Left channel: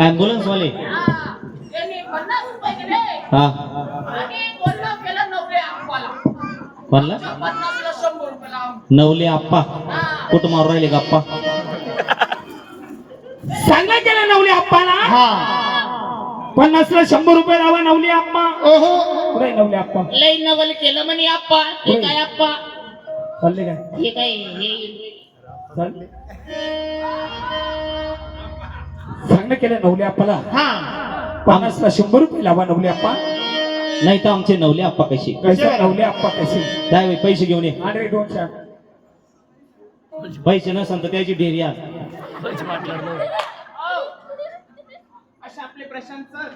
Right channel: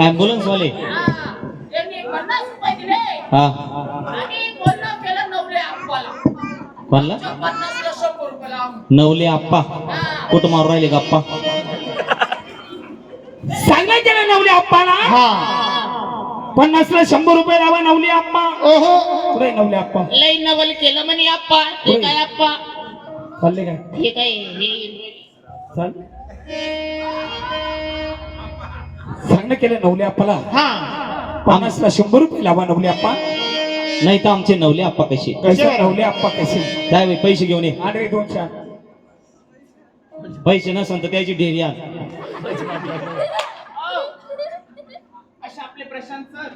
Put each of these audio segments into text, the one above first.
Ambulance वाले त्यांनी 50 रुपये दिले हा आणि बोलणं केलं नवले आप्पाला. म्हणला 50 ला 100 रुपये लावून. नवले आप्पा कुठं मारू राहिले गप्पा सांगा केलं नवले आप्पाला हा 50 ला 100 रुपये लावा नवले आप्पा. ओहो पुढे नवले आप्पा लई नवल केलं म्हणे आप्पा. हे काय आप्पा चालले काय हे काय हे चाल सांगणं केलं नवले आप्पाला हा 50 ला 100 रुपये लावा नवले आप्पा. नाही तर आमचे नवले आप्पा कसे कसे नवले आप्पा कसे त्यावेळी पैसे घेऊन ये आणि 200 पैसे नसेल तर त्याची डेअरी आण असे आपले प्रशांत सर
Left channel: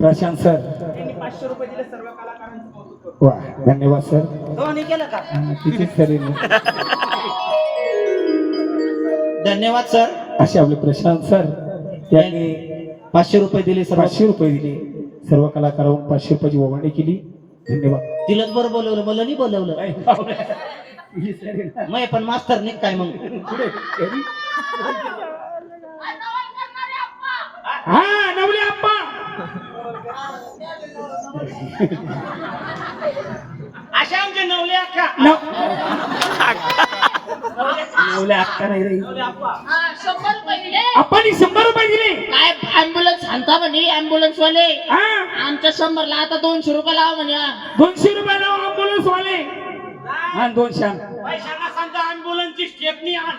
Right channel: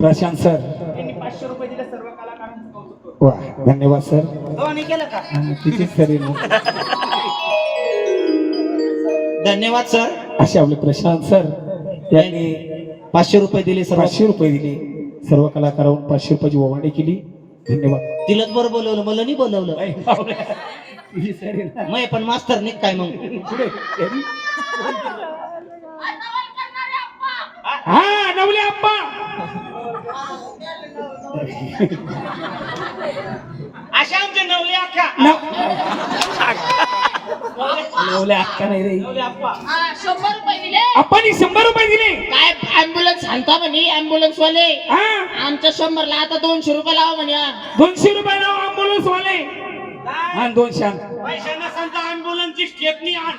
प्रशांत सर यांनी 500 रुपये दिले सर्व कलाकारांचं कौतुक करू. वा धन्यवाद सर. दोन्ही केलं का किती करेल धन्यवाद सर. असे आपले प्रशांत सर त्यांनी 500 रुपये दिले सर 500 रुपये दिले सर्व कलाकारांना 500 रुपयाची ओवाळणी केली. धन्यवाद. तिलाच बरं बोलवलं मला नाही बोलवलं ही सरेल ना. मग पण मास्तर नाही काय मग पुढे. हा नवले आप्पा अशा आमचे नवले अख्खा नवले आप्पा नाही रे आप्पा हा 100 रुपये दिले. आप्पानी 100 रुपये दिले. काय ॲम्ब्युलन्स आणता म्हणे ॲम्ब्युलन्स वाले हा आमच्या 100 ला आता 200 रुपये लावा म्हणे. 200 रुपये लावा अँब्युलन्स वाले आणि 200 आण. पैशांना सांगता अँब्युलन्सची स्टेपनी आण.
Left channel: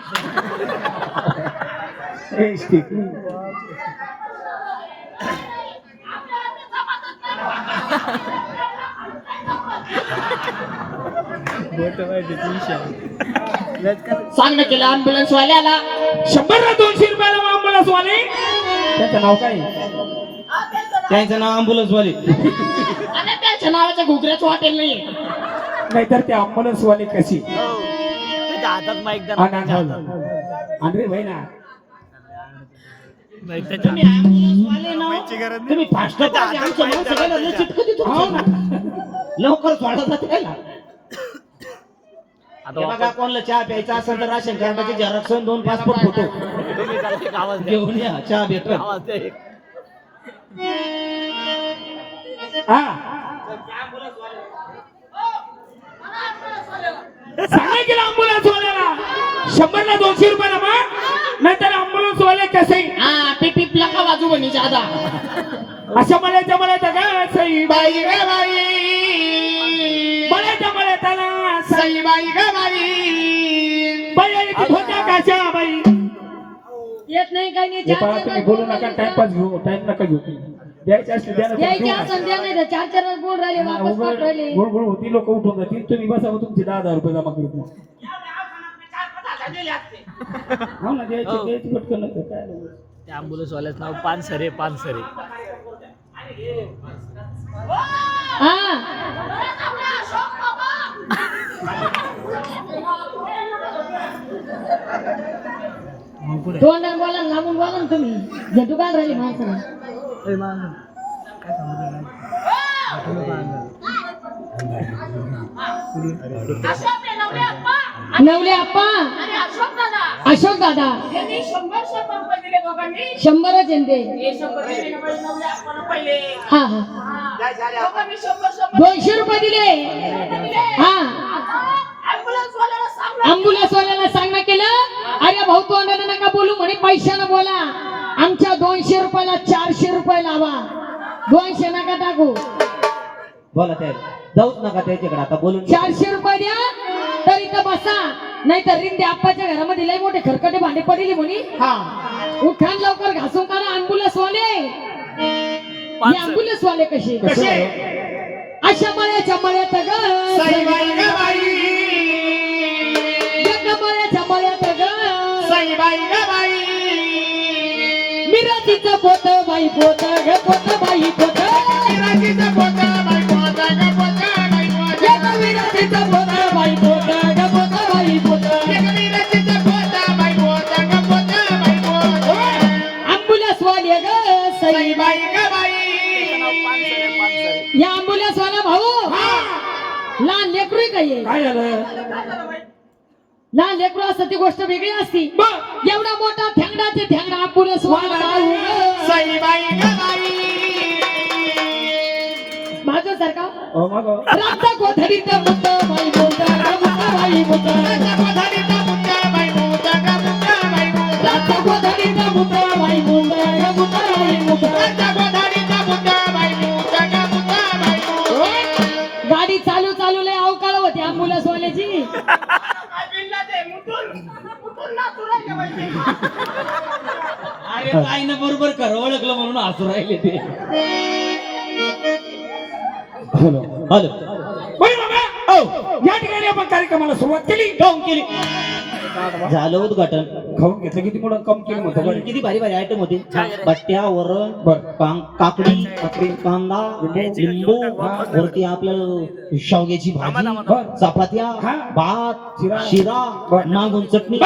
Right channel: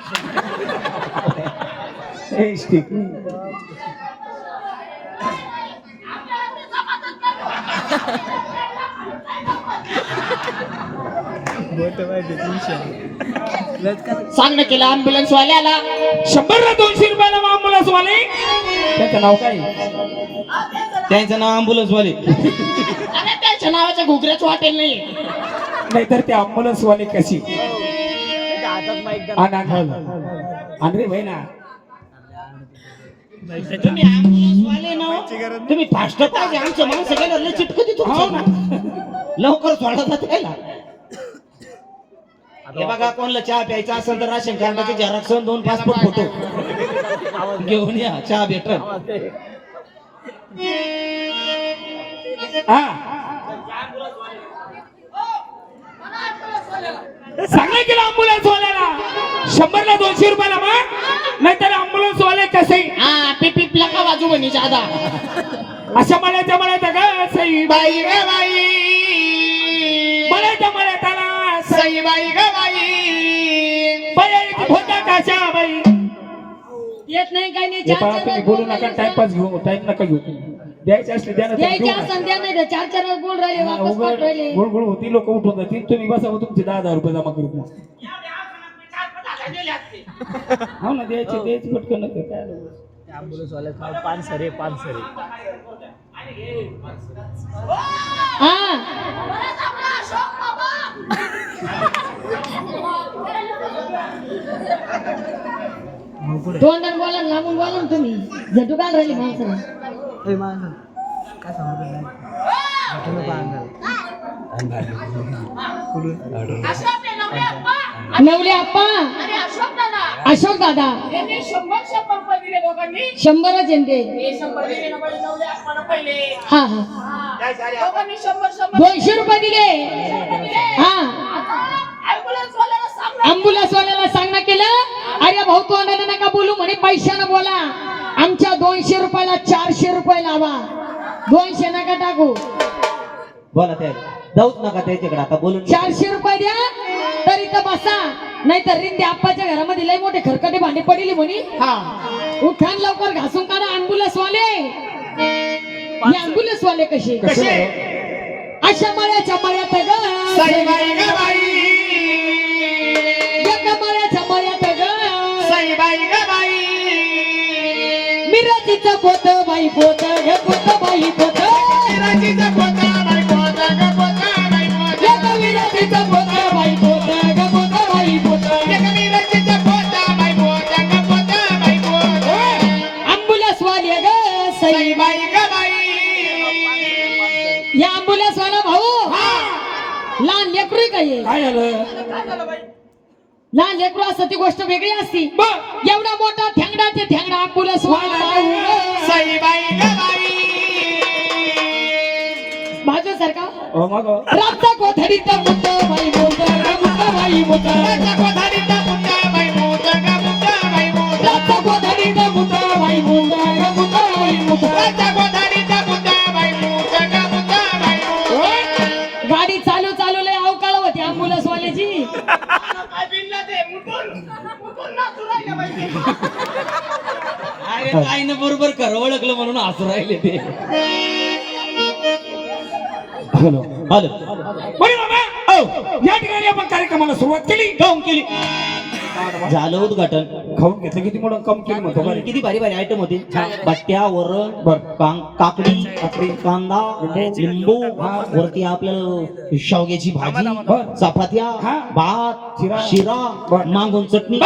ए स्टिक सांगणं केलं ॲम्ब्युलन्स वाल्याला 100 ला 200 रुपये लावा अँब्युलन्स वाले. त्याचं नाव काय त्यांचं नाव ॲम्ब्युलन्स वाले अरे त्याच्या नावाच्या घुगऱ्याच वाटेल नाही. नाहीतर ते अँब्युलन्स वाले कशी हातात माईक अरे भाई ना तुम्ही ॲम्ब्युलन्स वाले ना तुम्ही फास्ट पाहिजे आमच्या माणसं गेलं चिटकती तुमच्या लवकर सोडा जात राहिला. हे बघा कोणाला चहा प्यायचा असेल तर राशन कार्डाचे झेरॉक्स 2 पासपोर्ट फोटो घेऊन या चहा भेटल. हा सांगा केलं अँब्युलन्स वाल्याला 100 ला 200 रुपये लावा नाहीतर अँब्युलन्स वाले कसे हा पिपीपला का बाजू म्हणे जादा. असं म्हणायचं म्हणायचं का सई बाई ग बाई म्हणायचं म्हणायचं सई बाई ग बाई बाई होत्या कशा बाई. येत नाही काही नाही हे पहा तुम्ही बोलू नका टाइमपास घेऊ टाइम नका घेऊ द्यायचे असले द्या द्यायचे असं द्या नाही चार चार बोल राहिले वापस पाठ राहिले. गुळगुळ होती लोक उठून जातील तुम्ही बसा तुमचे 10,000 रुपये जमा करू मग. हो ना द्यायचे पटकन नका काय त्या अँब्युलन्स वाल्याचं नाव पानसरे पानसरे. हा तोंडात बोला लांबून बोला ना तुम्ही झटू काय राहिले माणसं. अशोक ते नवले आप्पा नवले आप्पा आणि अशोक दादा अशोक दादा यांनी 100 रुपये दिले दोघांनी. 100च येते. हे 100 दिले ना बाई नवले आप्पाला पहिले. हा हा हा. दोघांनी 100 200 रुपये दिले. दिले. हा आता ॲम्ब्युलन्स वाल्याला सांगा. अँब्युलन्स वाल्याला सांगणं केलं अरे भाऊ तोंडाने नका बोलू म्हणे पैशानं बोला. आमच्या 200 रुपयाला 400 रुपये लावा 200 नका टाकू. बोला त्या जाऊच नका त्याच्याकडे आता बोलून 400 रुपये द्या तर इथं बसा नाही तर रिंदे आप्पाच्या घरामध्ये लय मोठे खरकटे भांडे पडली म्हणे. हा उठान लवकर घासून काढा अँब्युलन्स वाले. हे अँब्युलन्स वाले कसे अशा मळ्याच्या मळ्यात ग सई बाई ग बाई एका मळ्याच्या मळ्यात ग सई बाई ग बाई मिरचीचं पोत बाई पोत ग पोत बाई पोत मिरचीचं पोत बाई पोत ग पोत बाई पोत एका मिरचीचं पोत बाई पोत ग पोत बाई पोत एक मिरचीचं पोत बाई पोत ग पोत बाई पोत अँब्युलन्स वाले ग सई सई बाई ग बाई या अँब्युलन्स वाला भाऊ लहान लेकरू काय काय झालं लहान लेकरू असतं ती गोष्ट वेगळी असती. एवढा मोठा थेंगडा ते थेंगडा अँब्युलन्स वाला भाऊ सई कोठारीत मुद्दा बाई मुद्दा गा मुद्दा बाई मुद्दा राजा कोठारीत मुद्दा बाई मुद्दा गा मुद्दा बाई मुद्दा राजा कोठारीत मुद्दा बाई मुद्दा गा मुद्दा बाई मुद्दा राजा कोठारीत मुद्दा बाई मुद्दा गा मुद्दा बाई मुद्दा. गाडी चालू चालू लय अवकाळ होती अँब्युलन्स वाल्याची. काय बिनला ते मुठून नाचू राहिले पाहिजे. अरे काय ना बरोबर कर ओळखलं म्हणून हसू राहिले ते. हॅलो बरं बाबा या ठिकाणी आपण कार्यक्रमाला सुरुवात केली. काऊन केली झालं उद्घाटन. खाऊन घेतलं किती मोठं कम केलं म्हणतो बरं. किती भारी भारी आयटम होते. बट्ट्या वरण बरं. काकडी कांदा लिंबू वरती आपल्याला शेवग्याची भाजी चपात्या हा. भात शिरा. शिरा मागून चटणी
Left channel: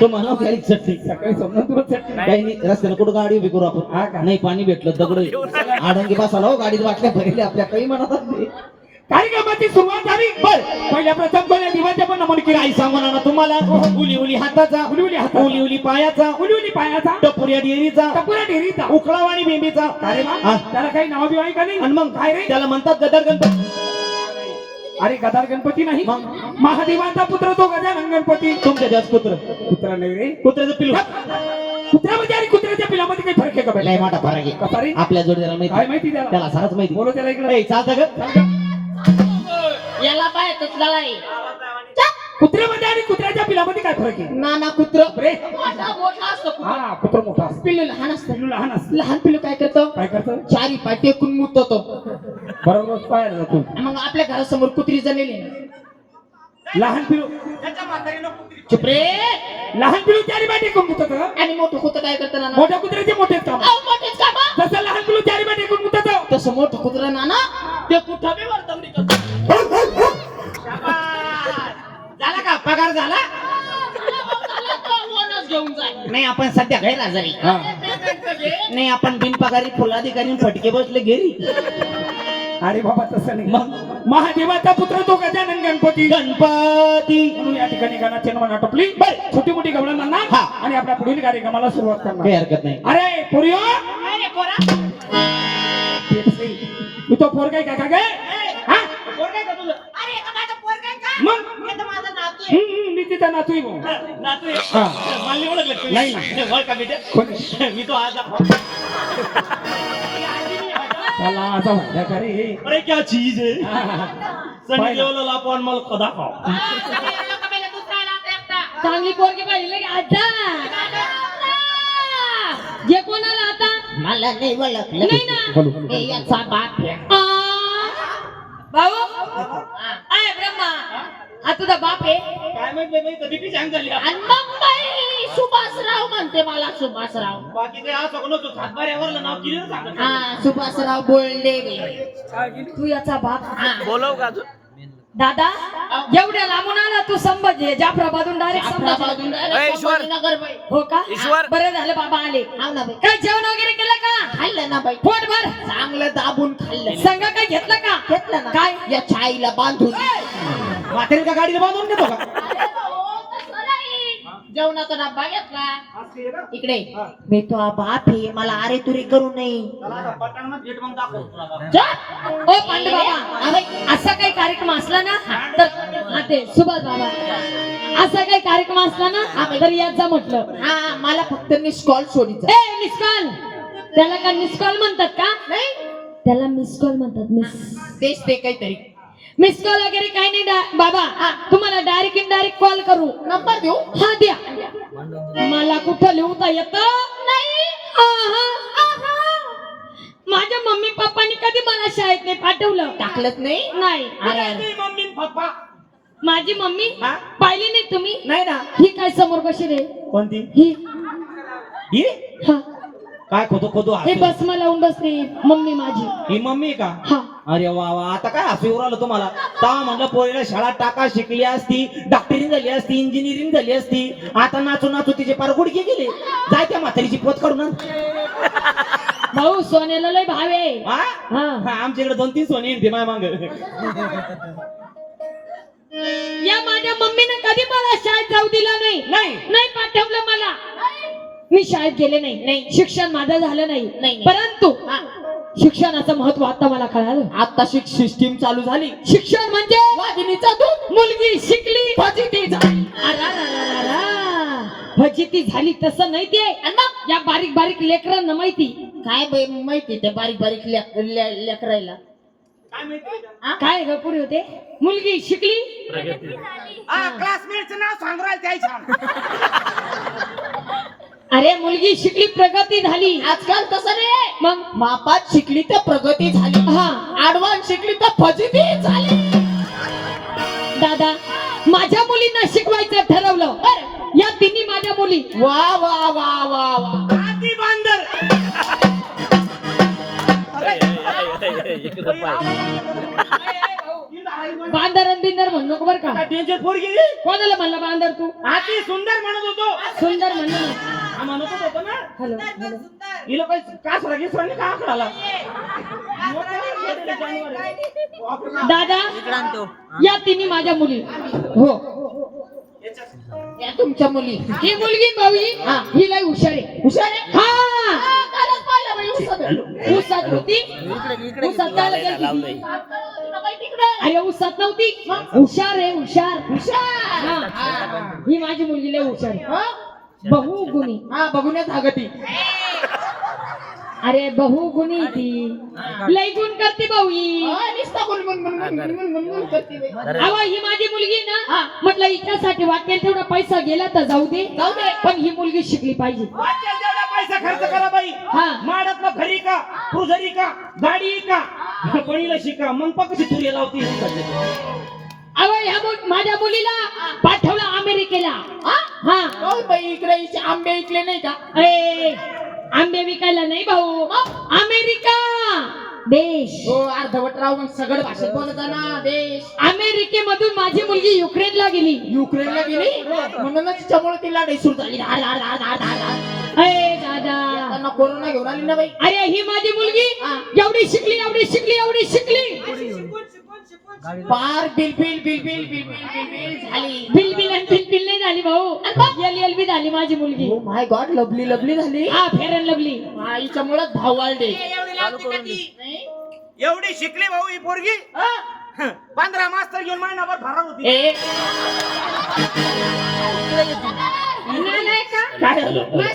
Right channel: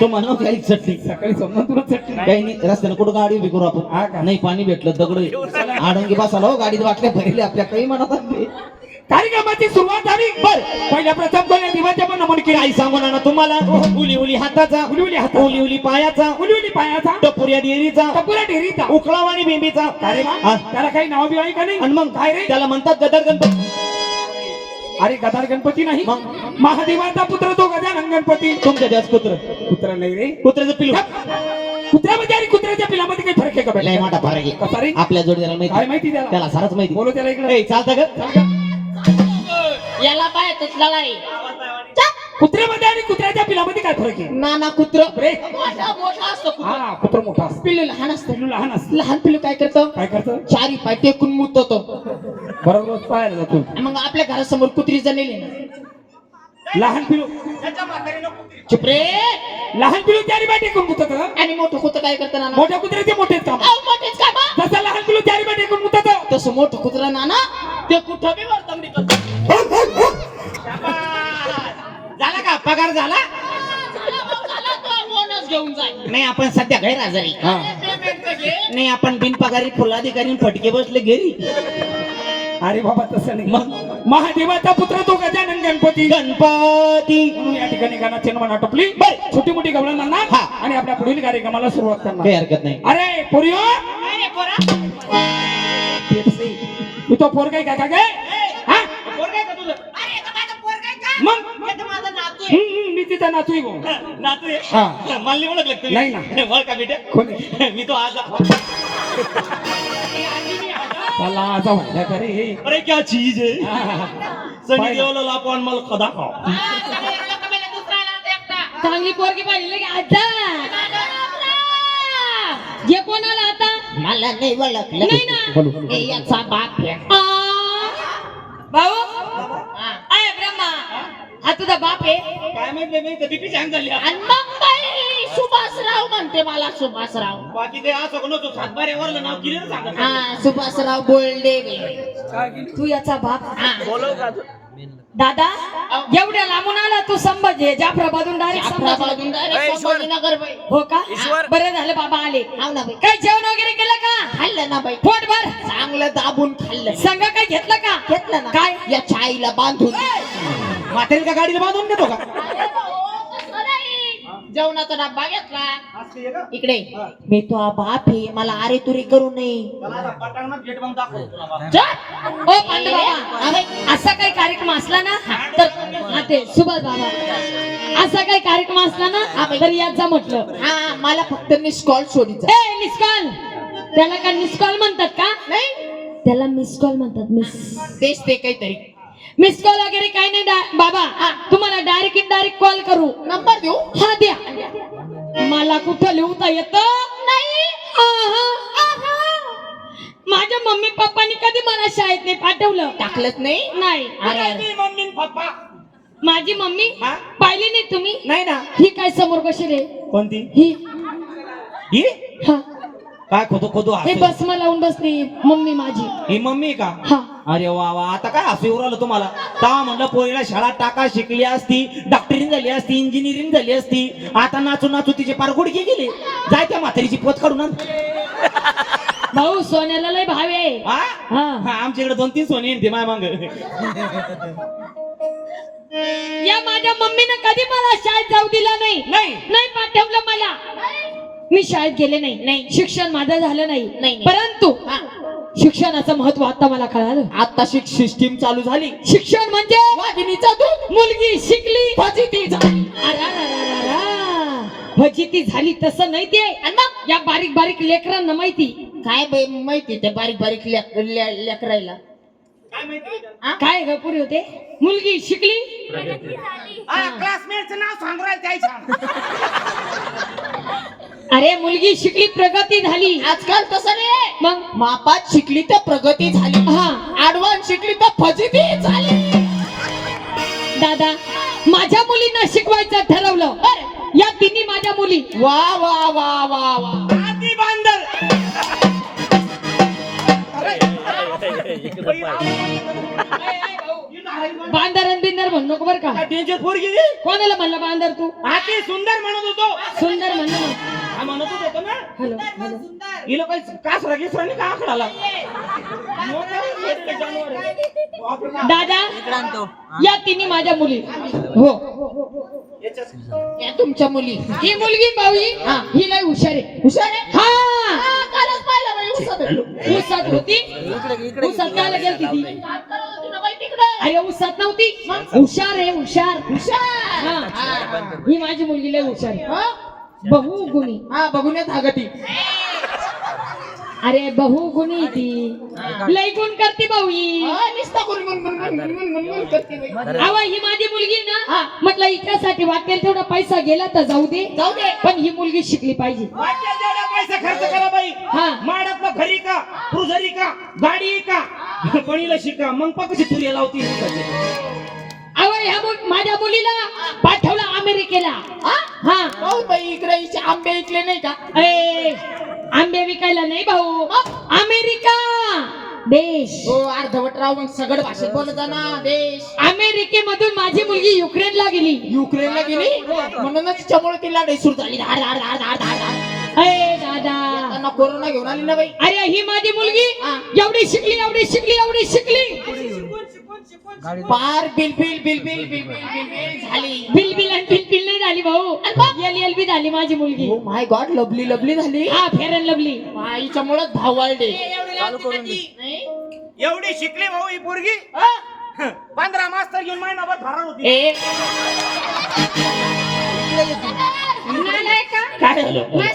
तो म्हणा काही चटणी सकाळी समजा तुला चटणी काही नाही रस्त्याला कुठं गाडी उभी करू हा आपण. का? नाही पाणी भेटलं दगड आडंगी बसाला हो गाडीत वाटले भरले आपल्या काही म्हणत असते. कार्यक्रमाची सुरुवात झाली. बर पहिल्या प्रथम कोण्या दिवाच्या पण नमून केली. काही सांगू ना तुम्हाला उली उली हाताचा उली हाताचा. उली उली पायाचा उलवली पायाचा टपुऱ्या डेअरीचा टपुरा ढेरीचा उकळावाणी बेंबीचा अरे वा हा. त्याला काही नाव बिव आहे का नाही. आणि मग काय रे त्याला म्हणतात गदर गणपती. अरे गदार गणपती नाही मग? महादेवाचा पुत्र तो गजानन गणपती. तुमच्या द्याच कुत्र कुत्रा नाही रे. कुत्र्याचं पिलू कुत्र्यामध्ये आणि कुत्र्याच्या पिलामध्ये काही फरक आहे का लय बाई? मोठा फरक कसा रे? आहे आपल्या जोडीदाराला काय माहिती माहिती त्याला त्याला सारच माहिती. बोलो त्याला इकडे. ए, चालतं ग याला पाय तुझला नाही. कुत्र्यामध्ये आणि कुत्र्याच्या पिलामध्ये काय फरक आहे. नाना कुत्र रे मोठा मोठा असतो खूप. हा कुत्र मोठा असतो. पिल्लू लहान असतं. पिल्लू लहान असतं. लहान पिल्लू काय करतं काय करतं चारी पाय टेकून मुततो. बरोबर रोज पाहायला जातो. मग आपल्या घरासमोर कुत्री जणेली ना. लहान पिलू त्याच्या म्हातारीनं कुत्री चुप रे. लहान पिलू चारी बाटे मुतत. आणि मोठं कुत्र काय करतं नाना. मोठ्या कुत्र्याचे मोठेच काम. अहो, मोठेच का बा? जसं लहान पिलू चारी बाटे मुतत तसं मोठं कुत्र नाना ते कुठं बी वर्तवणी करतो. झाला का पगार झाला झाला तो बोनस घेऊन जाईल. नाही आपण सध्या गैरहजेरी. पेमेंट घे. नाही आपण बिनपगारी फुलाधिकारी फटके बसले घरी. अरे बाबा तसं नाही. मग महादेवाचा पुत्र तो गजानन गणपती. गणपती म्हणून या ठिकाणी गाण्याची म्हणा टपली. बर छोटी मोठी गवळण नाना हा. आणि आपल्या पुढील कार्यक्रमाला सुरुवात काही करणार. हरकत नाही. अरे पोरियो अरे पोरा. तू तो पोर काय का काय हा? पोरगा आहे का तुझं? अरे एका माझा पोरगा आहे का? मग हे तर माझा नातू आहे. मी तिचा नातू आहे भाऊ. नातू आहे. हा. मला नाही ओळखलं तुम्ही. नाही ना. ओळखा बेटे कोणी? मी तो आज त्याला आता वाटल्या का रे. अरे क्या चीज है हा. सनी देओल लापन मला खदा खाओ. सगळे लोकं मेले, दुसरा आला आता एकटा. चांगली पोरगी पाहिली की आता जे कोणाला आता मला नाही ओळखलं. नाही ना. हे याचा बाप आहे. भाऊ आहे ब्रह्मा हा तुझा बाप आहे. काय माहिती बाई कधी पी सांग झाली आणि मग बाई सुभाषराव म्हणते मला सुभाषराव. बाकी ते असं कोण तो सातबाऱ्यावर नाव क्लिअर सांगत हा सुभाषराव बोलले तू याचा बाप. बोलव का तू दादा एवढ्या लांबून आला तू संभाजी जाफराबादून डायरेक्ट संभाजी. संभाजीनगर बाई. हो का ईश्वर. बरं झालं बाबा आले. हाव ना बाई. काय जेवण वगैरे केलं का. खाल्लं ना बाई. पोट भर चांगलं दाबून खाल्लं. संघ काय घेतलं का. घेतलं ना. काय या छाईला बांधून. म्हातारीच्या गाडीला बांधून देतो का. अरे भाऊ, तसं नाही. जेवणाचा डब्बा घेतला. इकडे मी तो बाप आहे, मला अरे तुरी करू नये. पटांगणात गेट मग दाखव तुला बाबा. ओ पांडू बाबा असा काही कार्यक्रम असला ना तर हा ते सुभाष बाबा असा काही कार्यक्रम असला ना तर याचा म्हटलं. हा मला फक्त मिस कॉल सोडीचा. ए मिस कॉल त्याला काय मिस कॉल म्हणतात का. नाही त्याला मिस कॉल म्हणतात. मिस तेच ते काहीतरी. मिस कॉल वगैरे काही नाही बाबा. तुम्हाला डायरेक्ट इनडायरेक्ट कॉल करू. नंबर देऊ. हा द्या. मला कुठं लिहता येतं नाही. माझ्या मम्मी पप्पानी कधी मला शाळेत नाही पाठवलं. टाकलंच नाही. नाही अरे मम्मी पप्पा माझी मम्मी हा? पाहिली नाही तुम्ही. नाही ना. ही काय समोर कशी रे. कोणती ही ही हा काय खोदू खोदू हे हसू. बसमा लावून बसली मम्मी माझी. ही मम्मी आहे का. हा अरे वा वा आता काय हसू येऊ राहिलं तुम्हाला. तेव्हा म्हणलं पोरीला शाळा टाका शिकली असती डॉक्टरिंग झाली असती इंजिनिअरिंग झाली असती. आता नाचू नाचू तिचे पार गुडघे गेले. जाय त्या म्हातारीची पोत काढून आण. भाऊ सोन्याला लय भाव आहे. हा? हा हा, आमच्याकडे 2-3 सोने येते माय मांग. या माझ्या मम्मीने कधी मला शाळेत जाऊ दिला नाही. नाही नाही पाठवलं मला. मी शाळेत गेले नाही. शिक्षण माझं झालं नाही. नाही. परंतु शिक्षणाचं महत्व आता मला कळालं. आता सिस्टीम चालू झाली. शिक्षण म्हणजे वाघिणीचा दूध. मुलगी शिकली फजिती झाली. फजिती झाली तसं नाही ते. आणि मग या बारीक बारीक लेकरांना माहिती काय बाई माहिती त्या बारीक बारीक लेकरायला काय माहिती बेटा? काय ग पुरी होते. मुलगी शिकली हा क्लासमेटचं नाव सांगू राहिलं त्याही सांग. अरे मुलगी शिकली प्रगती झाली. आजकाल तसं नाही. मग मापात शिकली तर प्रगती झाली. हा ऍडव्हान्स शिकली तर फजिती झाली. दादा माझ्या मुलींना शिकवायचं ठरवलं. या तिन्ही माझ्या मुली. वा वा वा वा वा. आधी बांधर. बांदर बिंदर म्हणू नको बर का. टेन्शन पोरगी रे. कोणाला म्हणलं बांदर तू. आधी सुंदर म्हणत होतो. सुंदर म्हणलं. हा म्हणतच होतो ना. Hello hello. हिला काही कासरा गिसरा का आखडाला. दादा या तिन्ही माझ्या मुली. हो या तुमच्या मुली. ही मुलगी भाऊई ही लय हुशार आहे. हुशार आहे? हा कालच पाहिलं बाई उसात. उसात होती. उसात काय गेली ती. अरे उसात नव्हती. हुशार आहे हुशार. हुशार. हा. ही माझी मुलगी लय हुशार आहे. बहुगुणी. हा बघून धागती. अरे बहुगुणी ती लय गुण करते भाऊई. नुसता गुणगुण करते बाई. अवा ही माझी मुलगी ना म्हटलं हिच्यासाठी वाटेल तेवढा पैसा गेला तर जाऊ दे. पण ही मुलगी शिकली पाहिजे. वाटेल तेवढा पैसा खर्च करा बाई. हा माडतलं घरी का तुझरी का गाडी का कोणीला शिका मग पकशी तुरी लावती. अवा ह्या माझ्या मुलीला पाठवलं अमेरिकेला. हा हो बाई इकडे हिचे आंबे ऐकले नाही का. ए आंबे विकायला नाही भाऊ. अमेरिका देश. हो अर्धवट राव मग सगळ भाषेत बोलत जा ना. देश. अमेरिकेमधून माझी मुलगी युक्रेनला गेली. युक्रेनला गेली म्हणूनच तिच्यामुळे तिला सुरू झाली. धाड धाड धाड धाड धाड. अरे दादा त्यांना कोरोना घेऊन आली ना बाई. अरे ही माझी मुलगी एवढी शिकली एवढी शिकली एवढी शिकली. पार बिलबिल बिलबिल बिलबिल बिलबिल झाली. बिलबिल आणि बिलबिल नाही झाली भाऊ. एल बी झाली माझी मुलगी. Oh my God lovely lovely झाली. हा फेअर अँड लवली. आईच्यामुळे भाव वाढले. एवढी शिकली भाऊ ही पोरगी. 15 मास्तर घेऊन महिनाभर फरार होती. ए काय मग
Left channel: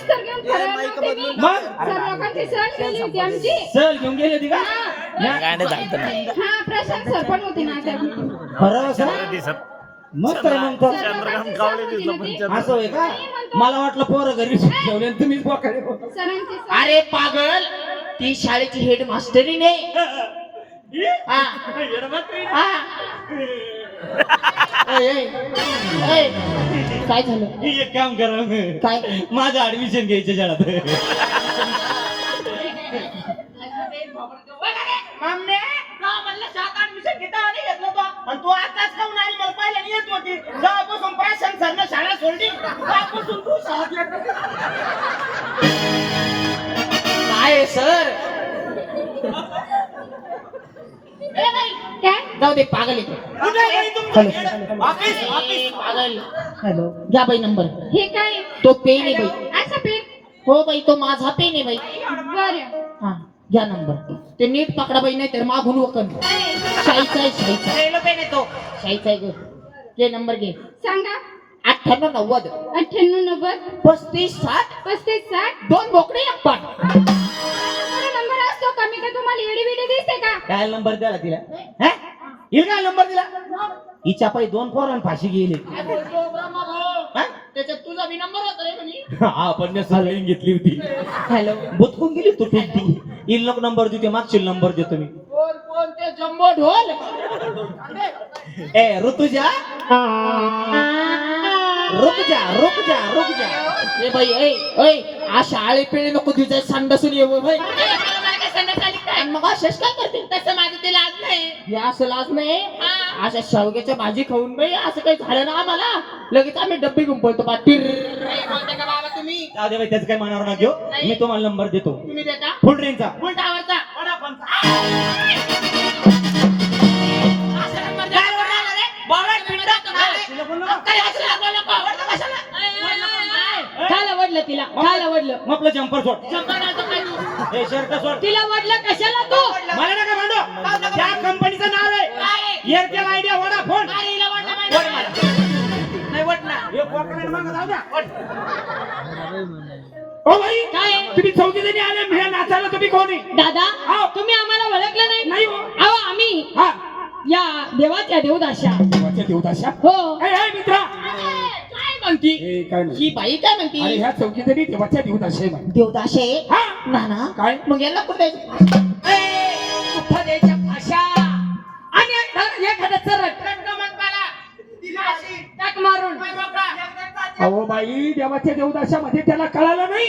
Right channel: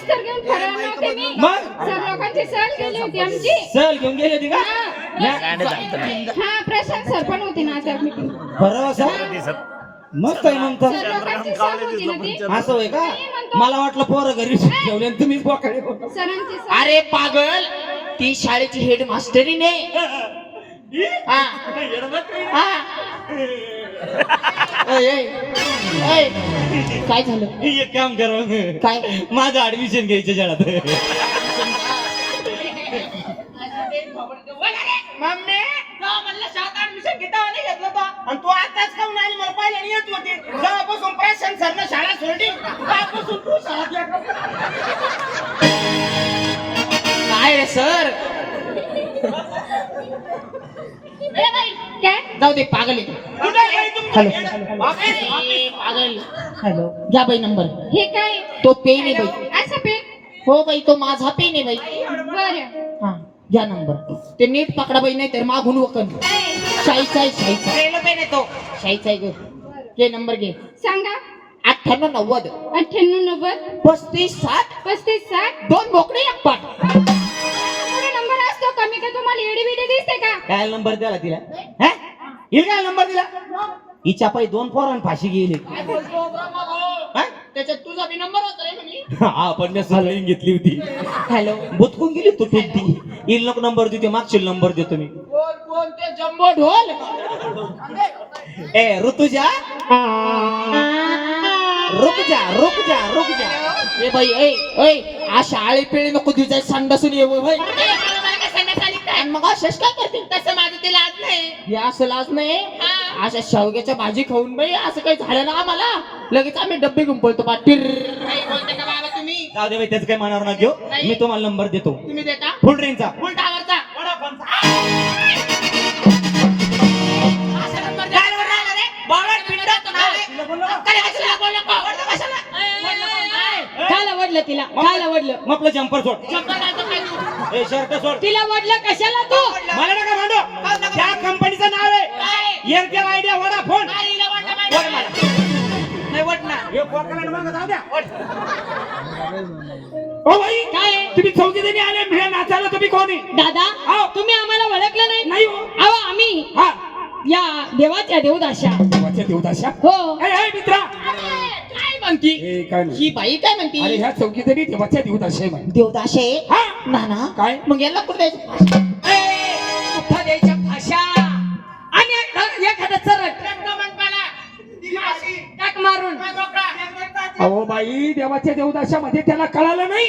सहल घेऊन गेली होती का. प्रशांत सर पण होते ना त्या बरं असं. मग काय म्हणतो असं होय का. मला वाटलं पोरं घरी ठेवले आणि तुम्हीच बोकाडे. सरांचे अरे पागल ती शाळेची हेड मास्टरीने. हा. हा. काय झालं. एक काम करा काय माझं ऍडमिशन घ्यायचं शाळेत. मामने का म्हणलं शाळेत ऍडमिशन घेता आणि घेतलं बा. आणि तू आताच काऊन आली मला पहिल्याने येत होती. जेव्हापासून प्रशांत सरनं शाळा सोडली त्यापासून तू शाळेत येत होती. काय रे सर. काय जाऊ दे पागल येतो. कुठे आहे तुमचं? ऑफिस. पागल. हॅलो घ्या बाई नंबर. हे काय तो पेन आहे बाई. असं पेन. हो बाई तो माझा पेन आहे बाई. बरं हा घ्या नंबर. ते नीट पकडा बाई नाही तर मागून वकन. शाईचा आहे शाईचा. पेन पेन येतो. शाईचा आहे ग. घे नंबर घे. सांगा 98 90 98 90 35 60 35 60. दोन बोकडे एक पाट. नंबर असतो कमी का तुम्हाला एडी बिडी दिसते का. काय नंबर द्याला तिला. हा? हिला काय नंबर दिला. हिच्या पायी 2 पोरांना फाशी गेली. काय बोलतो ब्रह्मा भाऊ. हा? त्याच्यात तुझा बी नंबर होता रे म्हणे. हा पण मी सगळी घेतली होती. हॅलो बुतकून गेली तू ती. हिला नको नंबर देते मागशील नंबर देतो मी. कोण कोण ते जम्बो ढोल. ए ऋतुजा रुक जा रुक जा रुक जा. ए बाई ए अशा आळे पेळे नको तुझ्या संडासून येऊ बाई. आणि मग अशाच काय करते. तसं माझं ते लाज नाही. हे असं लाज नाही. अशा शेवग्याच्या भाजी खाऊन बाई असं काही झालं ना आम्हाला लगेच आम्ही डब्बे घेऊन पळतो पाटीर. नाही बोलता का बाबा तुम्ही. जाऊ दे बाई त्याचं काय मनावर ना घेऊ. मी तुम्हाला नंबर देतो तुम्ही देता फुल ट्रेनचा. फुल टावरचा वडापावचा. असा नंबर द्या. बावळट पिंडा तुम्हाला. तिला बोल नका. कशाला बोलू नको. कशाला. काल आवडलं तिला काल आवडलं मग आपलं जम्पर सोड शंभर आता काय तू? हे शर्ट सोड तिला आवडलं कशाला तू मला नका भांडू त्या कंपनीचं नाव आहे एअरटेल आयडिया वडाफोन काय हिला वाटलं माहिती आहे? नाही वाटणार. हे पोकराला मागं जाऊ द्या ओ भाई काय आहे? तुम्ही चौघीजणी आले हे नाचायला तुम्ही कोण आहे दादा तुम्ही आम्हाला ओळखलं नाही नाही हो. अहो आम्ही हा या देवाच्या देवदाशा देवाच्या देवदाशा हो ए मित्रा काय म्हणती ए काय नाही ही बाई काय म्हणती अरे ह्या चौघीजणी देवाच्या देवदाशा आहे बाई. देवदाशे हा नाना काय मग यांना कुठे द्यायचं? कुठं द्यायच्या भाषा आणि एखादं चरट टाक मारून अहो बाई देवाच्या देवदाशामध्ये त्याला कळालं नाही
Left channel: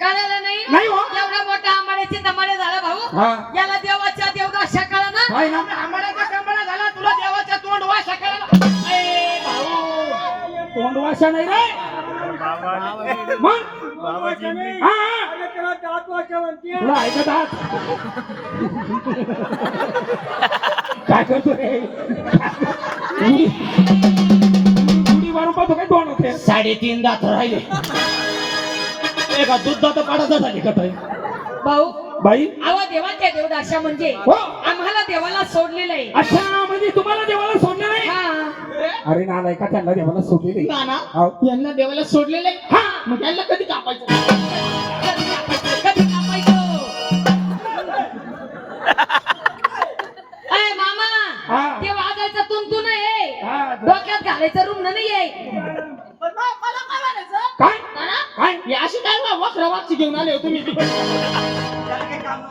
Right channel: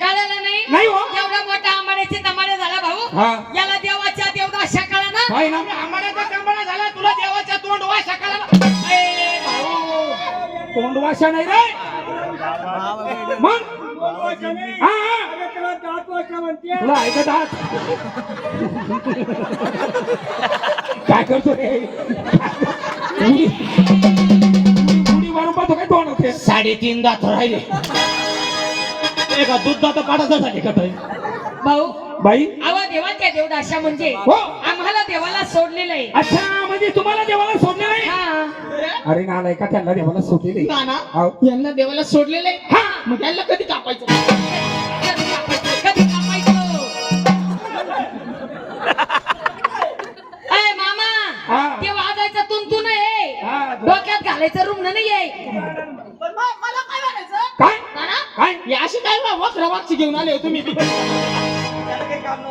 कळालं नाही नाही हो. एवढा मोठा आंबाड्याचे दंबाडे झाला भाऊ हा याला देवाच्या देवदाशा कळा ना काय ना आंबाड्याचा कंबळा झाला तुला देवाच्या तोंड वाशा कळाला. तोंडवाशा नाही रे मग हा, हा. तुला ऐकत आहात काय करतो रे उडी मारून पाहतो काय तोंड होते 3.5 दात राहिले एका दूध दात काढायचं झाले का ताई? भाऊ बाई आवा देवाच्या देवदाशा म्हणजे हो. आम्हाला देवाला सोडलेलं आहे अच्छा म्हणजे तुम्हाला देवाला सोडलं नाही हा अरे नालाय का त्यांना देवाला सोडलेले नाना हाव. यांना देवाला सोडलेले हा. मग यांना कधी कापायचं? कधी कापायचं अरे मामा हा. ते वाजायचं तुंतू नाही हा. डोक्यात घालायचं रुग्ण नाहीये पण मग मला काय म्हणायचं? काय नाना, काय हे अशी काय वक्र वाक्षी घेऊन आले हो तुम्ही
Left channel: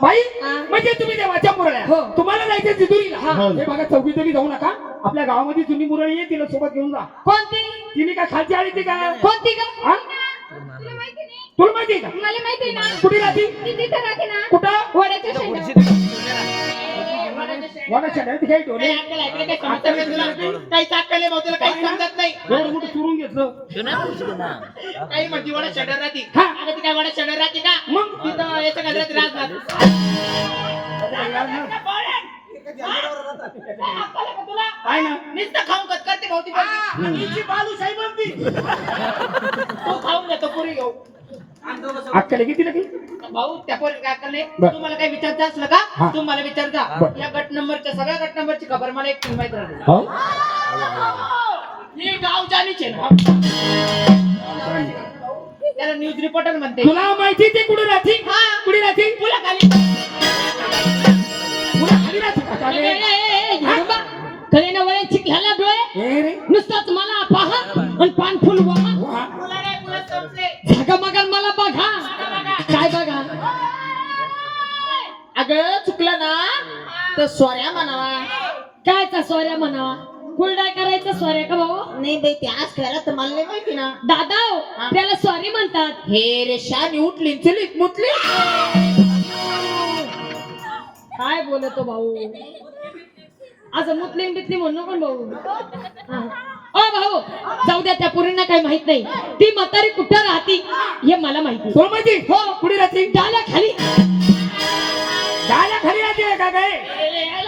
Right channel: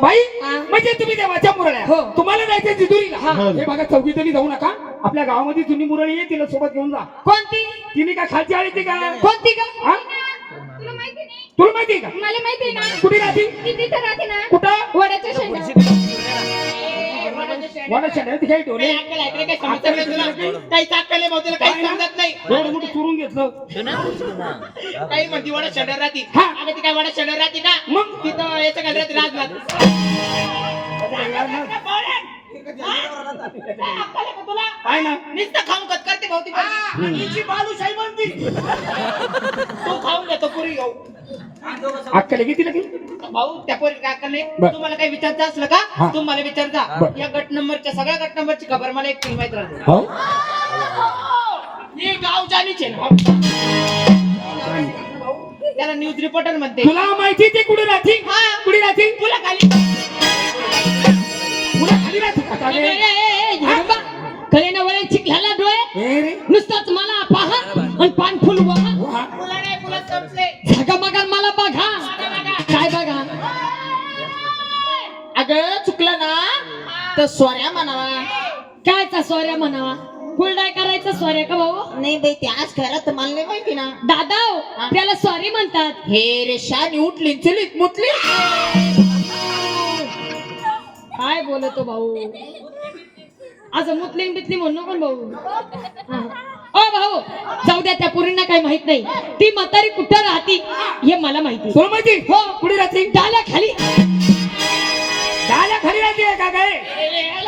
बाई हा. म्हणजे तुम्ही देवाच्या मुरळ्या हो. तुम्हाला जायचं जिजुरीला हा. हे बघा चौकी तरी जाऊ नका आपल्या गावामध्ये जुनी मुरळी आहे तिला सोबत घेऊन जा कोणती तिने काय खालची आली ती का कोणती ग हा? तुला माहिती नाही तुला माहिती आहे का मला माहिती ना कुठे राहती ती तिथं राहते ना कुठं वडाच्या शेंडावर. वडाच्या डाळीत काही डोले काही अक्कल आहे का? काही समजत नाही तुला? काही अक्कल आहे भाऊ, तुला काही समजत नाही. एवढं मोठं चुरून घेतलं काही म्हणती वडा शेंडर राहती. हा. अगं ती काय वडा शेंडर राहती का? मग? तिथं याचं काय राहते राजनाथ. आहे ना नुसतं खाऊन कट करते भाऊ ती बाई. बालूशाही बनती. तो खाऊन घेतो पुरी घेऊ. अक्कल किती लागली भाऊ त्या पोरी काय अक्कल नाही. बर. तुम्हाला काही विचारता असलं का हा. तुम्हाला विचारता बर. या गट नंबरच्या सगळ्या गट नंबरची खबर मला एक माहित राहते. हो ही गाव जाणीचे ना त्याला न्यूज रिपोर्टर म्हणते. तुला माहिती ते कुठे राहती कुठे राहती तुला खाली तुला खाली राहते का चालेल? कळे ना वळे चिखल्याला डोळे ए रे नुसतंच मला पहा आणि पान फुल वहा वा. तुला नाही तुला संपले. झागा मगर मला बघा काय बघा अगं चुकलं ना तर सोऱ्या म्हणावा. कायचा सोऱ्या म्हणावा फुलडाय करायचं सोऱ्या का भाऊ नाही बाई ते आज खरं तर मला नाही माहिती ना. दादा त्याला सॉरी म्हणतात हे रे शानी उठली चलीत मुतली. काय बोलतो भाऊ आज मुस्लिम बिस्लिम म्हणू नको भाऊ हा. ओ भाऊ जाऊ द्या त्या पुरींना काही माहित नाही ती म्हातारी कुठं राहती हे मला माहिती तुला माहिती हो कुठे राहती डाल्या खाली डाल्या खाली राहते का काय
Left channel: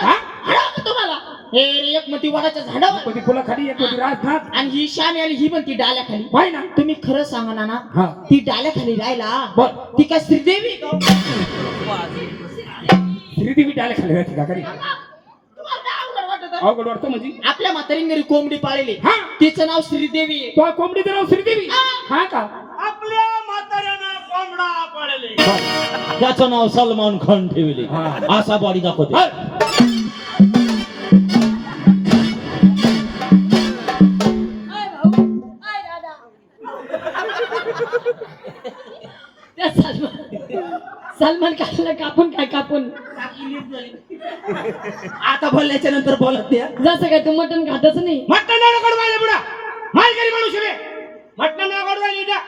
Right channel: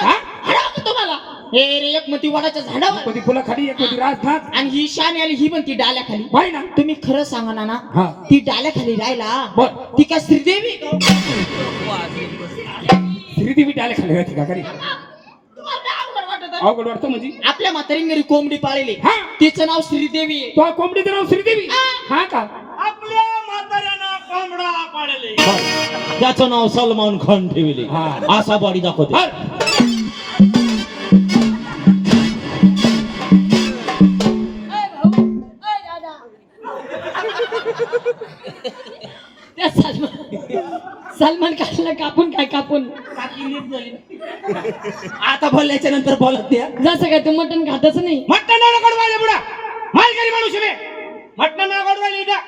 हा? हरवतं तुम्हाला. हे रे एक म्हणती वडाच्या झाडावर कधी फुलं खाली एक कधी राजनाथ आणि ही शानी आली ही म्हणती डाल्या खाली. बाई ना तुम्ही खरं सांगा ना हा. ती डाल्या खाली राहिला बर. ती काय श्रीदेवी का? श्रीदेवी डाल्या खाली राहते का कधी तुम्हाला काय अवघड वाटतं? अवघड वाटतं म्हणजे आपल्या म्हातारीने घरी कोंबडी पाळली हा. तिचं नाव श्रीदेवी आहे. तो कोंबडीचं नाव श्रीदेवी हा का आपल्या म्हाताऱ्यानं कोंबडा पाळले. त्याचं नाव सलमान खान ठेवले हा. असा बाडी दाखवते हा. त्या सलमान खानला कापून काय कापून आता बोलल्याच्या नंतर बोलत द्या जसं काय तू मटण खातच नाही मटण नाही कडवायला पुढा मालकरी माणूस रे मटण नाही कडवायला द्या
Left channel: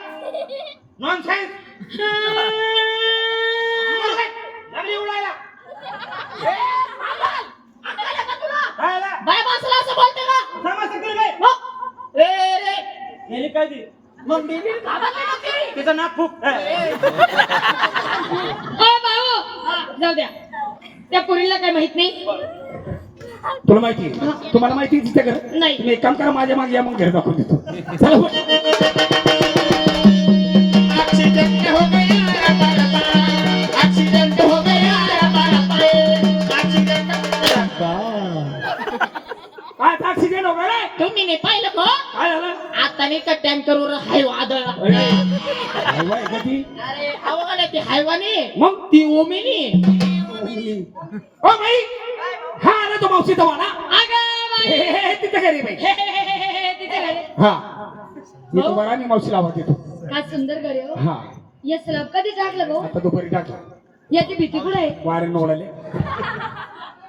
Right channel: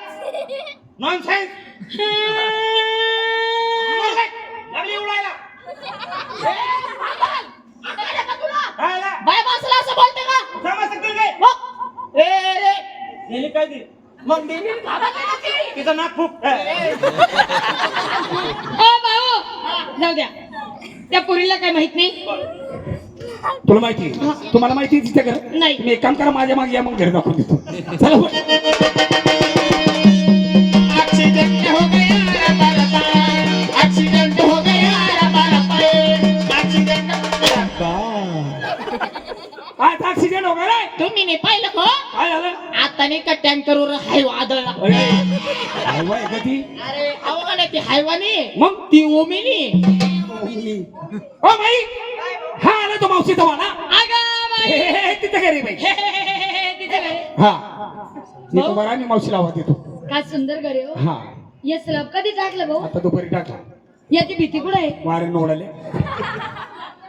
नॉनसेन्स लागली उडायला खायला बाय माणसाला असं बोलते का? समजतं तुला काय हो. ए रे याने काय दिली मग देवी घाबरली ना ती. तिचं नाक फुक ओ भाऊ जाऊ द्या त्या पुरीला काय माहित नाही तुला माहिती तुम्हाला माहिती तिच्या घर नाही. तुम्ही एक काम करा माझ्या मागे या मग घर दाखवून देतो चला हो. अरे अवघड आहे, ती हैवानी आहे. मग ती ओमिनी ओ बाई हा आला तो मावशीचा वाला अगं बाई. तिथे घरी बाई तिथे घरी. हा मी तो बरा आणि मावशीला आवाज देतो काय सुंदर घरी हो. हा या स्लॅब कधी टाकलं भाऊ? आता दुपारी टाका याची भीती कुठे आहे? वारे नोडाले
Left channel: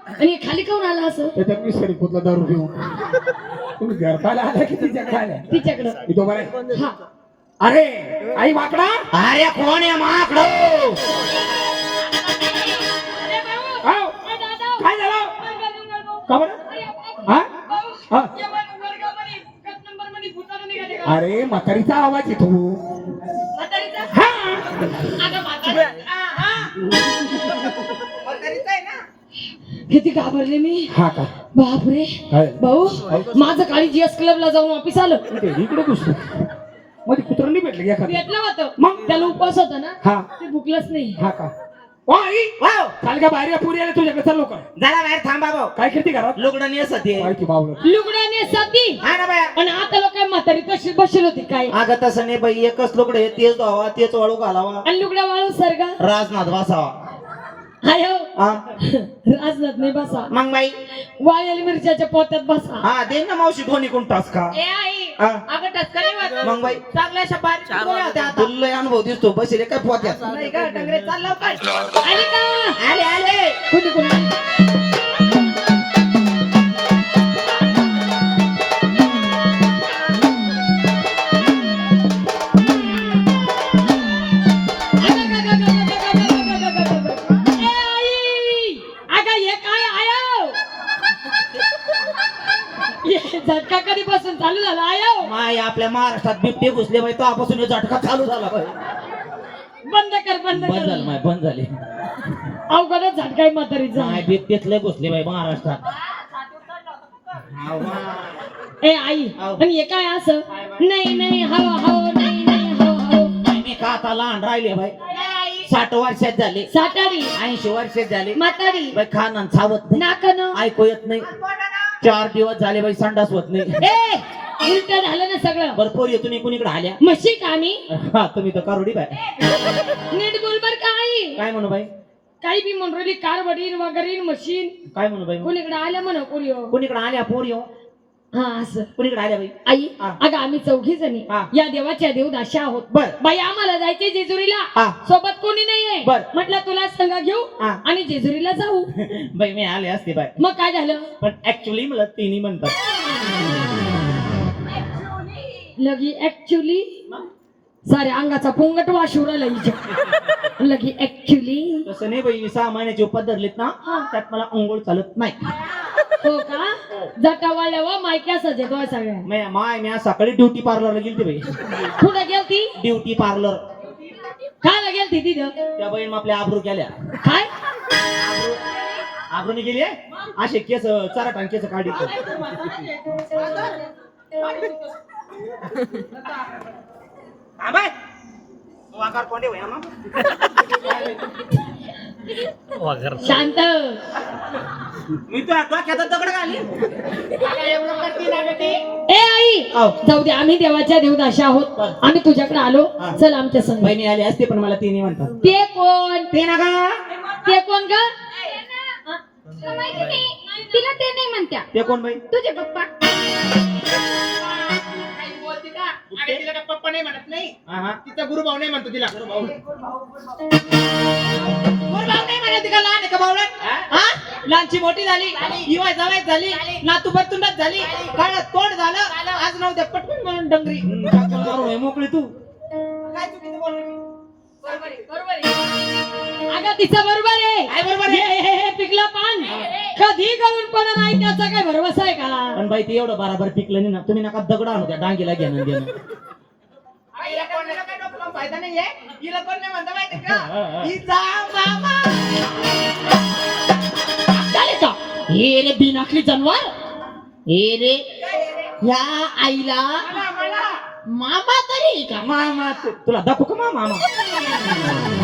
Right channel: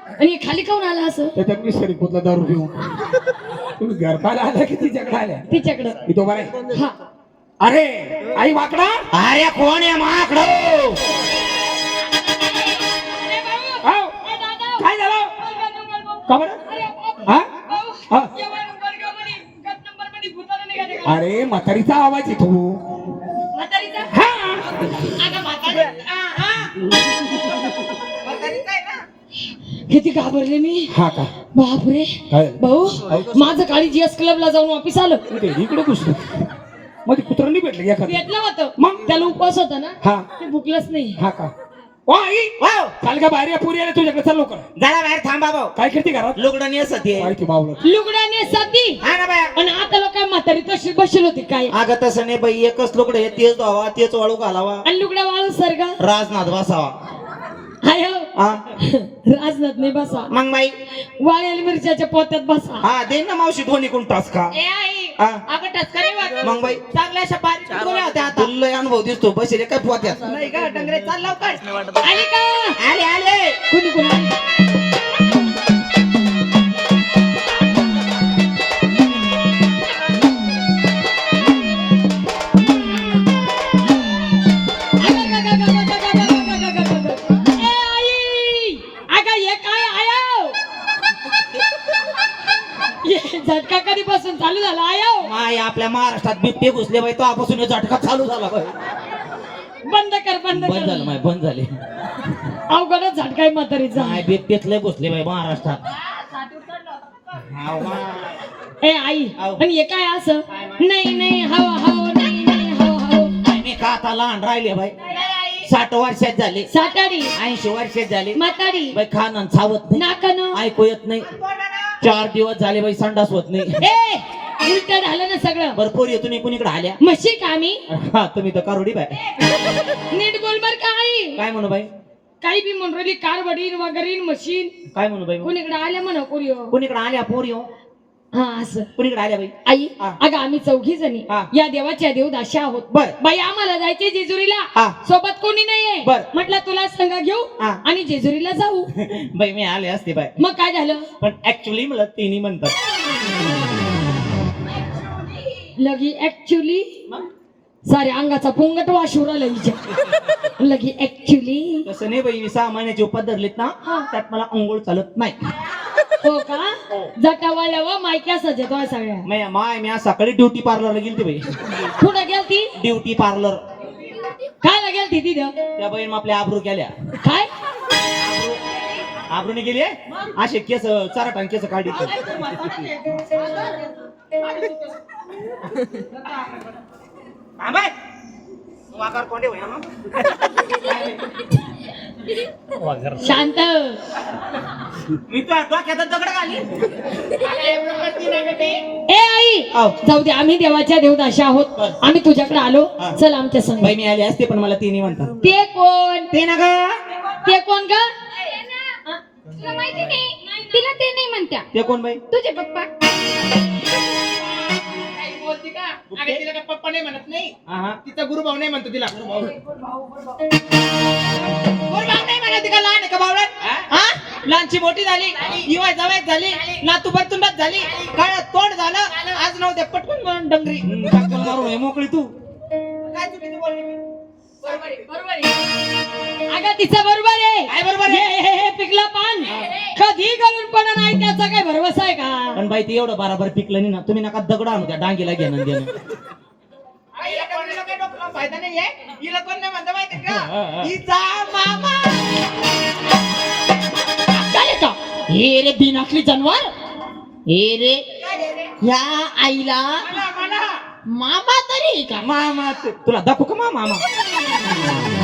आणि हे खाली काऊन आला असं? त्याच्यात मी सरी पुतला दारू घेऊन तुम्ही घरपाला आला की तिच्याकडे आल्या तिच्याकडं. मी तो बरा हा. अरे आई वाकडा अरे कोण आहे माकडो? हाव. काय झालं का बरं हा हा अरे म्हातारीचा आवाज येतो हा म्हातारीचं आहे ना. किती घाबरले मी. हा का बापरे. काय भाऊ माझं काळी जीएस क्लबला जाऊन ऑफिस आलं. इकडे घुसलो मध्ये कुत्र नाही भेटलं एखादं भेटलं होतं मग? त्याला उपवास होता ना हा ते भुकलंच नाही. हा का ओ आई वाव, काल का बाहेर या पुरी आले तुझ्याकडे चल लवकर जरा बाहेर थांबा भाऊ. काय करते घरात लुगडं नेसते. माहिती बावलं लुगडाने साथी हा ना बाया. आणि आता लोक काय म्हातारी तशी बसेल होती काय अगं तसं नाही बाई, एकच लुगडं आहे, तेच धुवावा तेच वाळू घालावा, आणि लुगडा वाळू सरगा राजनाथ बसावा. हाय हो. हा राजनाथ नाही बसा मग बाई वाळलेल्या मिरच्याच्या पोत्यात बसा. हा दे ना मावशी दोन्ही कोण टास का. ए आई हा. अगं टचकरी वाट. मग बाई चांगल्या शपात गोळ्या होत्या आता. तुला लय अनुभव दिसतो, बसले काय पोत्यात. नाही का डंगरे चाल लवकर. आली का? आले आले. कोणी कोणी? झटका कधीपासून चालू झाला आयो? माय आपल्या महाराष्ट्रात बिबटे घुसले बाई, तेव्हापासून हे झटका चालू झाला बाई. बंद कर बंद बंद झालं कर. माय, बंद झाले. अवघडच झटकाय म्हातारीचा. माय बिबटेच लय घुसले बाई महाराष्ट्रात. हाव. ए आई आव. आणि हे काय असं? नाही नाही हवा हवा नाही नाही हवा हवा. मी का आता लहान राहिले बाई, नाही आई. 60 वर्षात झाले, सातारी 80 वर्षात झाले म्हातारी बाई, खाणं चावत नाही, नाकन. ऐकू येत नाही, 4 दिवस झाले बाई संडास होत नाही. ए उलट झालं ना सगळं. भरपूर येतो तुम्ही कुणीकडे आल्या. म्हशी का आम्ही? हा तुम्ही तर कारोडी बाय. नीट बोल बर का आई? काय म्हणू बाई, काही बी म्हणून राहिली कार वडील वगैरे मशीन काय म्हणू बाई, कोणीकडे आल्या म्हणा कोणी हो. कुणीकडे आल्या पोरी हो, हा असं. कुणीकडे आल्या बाई. आई हा. अगं आम्ही 4 जणी हा. या देवाच्या देवदाशी आहोत. बर. बाई आम्हाला जायचे जेजुरीला, हा. सोबत कोणी नाहीये. बर. म्हटलं तुला संग घेऊ हा. आणि जेजुरीला जाऊ. बाई मी आले असते बाय, मग काय झालं? पण ऍक्च्युली मला तिन्ही म्हणतात. लगी ऍक्च्युली सारे अंगाचा पोंगट वाशूर आला हिच्या. लगी ऍक्च्युली तसं नाही बाई, 6 महिन्याची उपत धरलीत ना, त्यात मला अंघोळ चालत नाही. हो का? जटावळल्या व मायक्या सजतोय सगळ्या. माय मी आज सकाळी ड्युटी पार्लरला गेलती बाई. कुठं गेलती? Duty parlour. काय गेलती तिथं? त्या बाईन आपल्या आबरू केल्या. काय? आबरूने गेली असे केस चराटान केस काढी. बाय वाकार कोंडे होय ना. शांत. मी तो डोक्यात दगड घाली. एवढं करती ना गं ते. ए आई आव. जाऊ दे, आम्ही देवाच्या देवदाशी आहोत. आम्ही तुझ्याकडे आलो. हा. चल आमच्या संग. बाई मी आले असते पण मला तिन्ही म्हणतात. ते कोण? ते ना ग, ते कोण का? तुला माहिती नाही तिला ते नाही म्हणत्या ते कोण बाई. तुझे पप्पा काही बोलती का? अरे तिला का पप्पा नाही म्हणत नाही. हा हा. तिचा गुरुभाऊ नाही म्हणतो तिला. गुरुभाऊ नाही म्हणत का? लहान आहे का बावळट? हा? लहानची मोठी झाली, युवा जवळ झाली, नातू बरतुंडात झाली, काळ तोंड झालं, आज नव्हते पटकन म्हणून डंगरी. मोकळी तू. काय चुकीचं बोलली मी? बरोबर आहे, बरोबर आहे. अगं तिचं बरोबर आहे. काय बरोबर आहे? हे पिकलं पान कधी करून पण नाही, त्याचा काय भरवसा आहे का? पण बाई ते एवढं बराबर पिकलं नाही ना, तुम्ही नका दगड आणू त्या डांगीला घेणं देणं. हिला कोणाला काही डोकं लावून फायदा नाहीये. हिला कोण नाही म्हणतं माहिती हा, का? हा. हिचा मामा. काय का? हे रे बिनाकली जनवर. हे रे काय आहे रे? ह्या आईला मला मामा तरी का? मामा तुला दाखवू का मामा.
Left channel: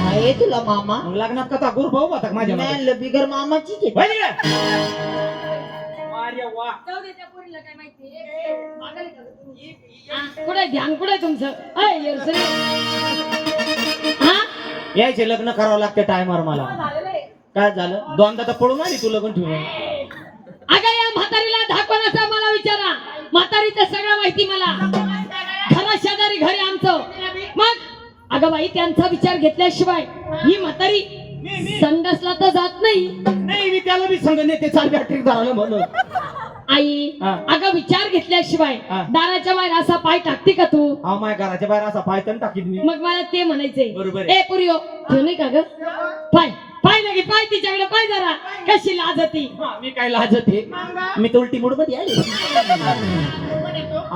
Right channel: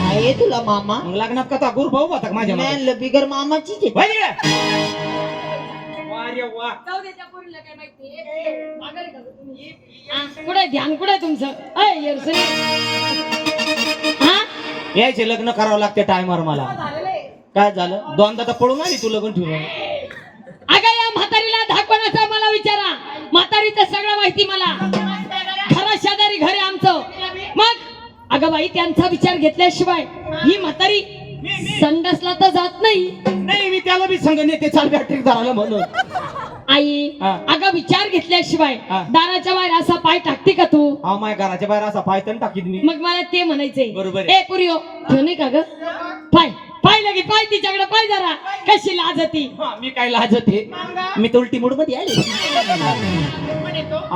आहे तुला मामा? मग लग्नात कथा गुरु भाऊ होता का माझ्या मागे? बिगर मामाची वळ इकडे. अरे वा जाऊ दे त्या पोरीला काय माहिती मागायला का तुम्ही? कुठे ध्यान कुठे तुमचं अय येरसरी हा यायचे लग्न करावं लागते टायमर मला झालेलं आहे काय झालं दोनदा तर पळून आली तू लग्न ठेवून अगं या म्हातारीला धाकपणाचा मला विचारा म्हातारीचं सगळं माहिती मला खरं शेजारी घर आहे आमचं मग अगं बाई त्यांचा विचार घेतल्याशिवाय ही म्हातारी संडासला तर जात नाही नाही मी त्याला बी संग नेते चाल बॅटरी धरायला म्हणून आई हा. अगं विचार घेतल्याशिवाय हा. दाराच्या बाहेर असा पाय टाकते का तू अहो माझ्या घराच्या बाहेर असा पायथन टाकीत मी मग मला ते म्हणायचंय बरोबर आहे. ए पुरियो ठेव नाही का ग पाय पाय लगे पाय तिच्याकडे पाय जरा कशी लाजती हा, मी काय लाजते मी तर उलटी मूड मध्ये आले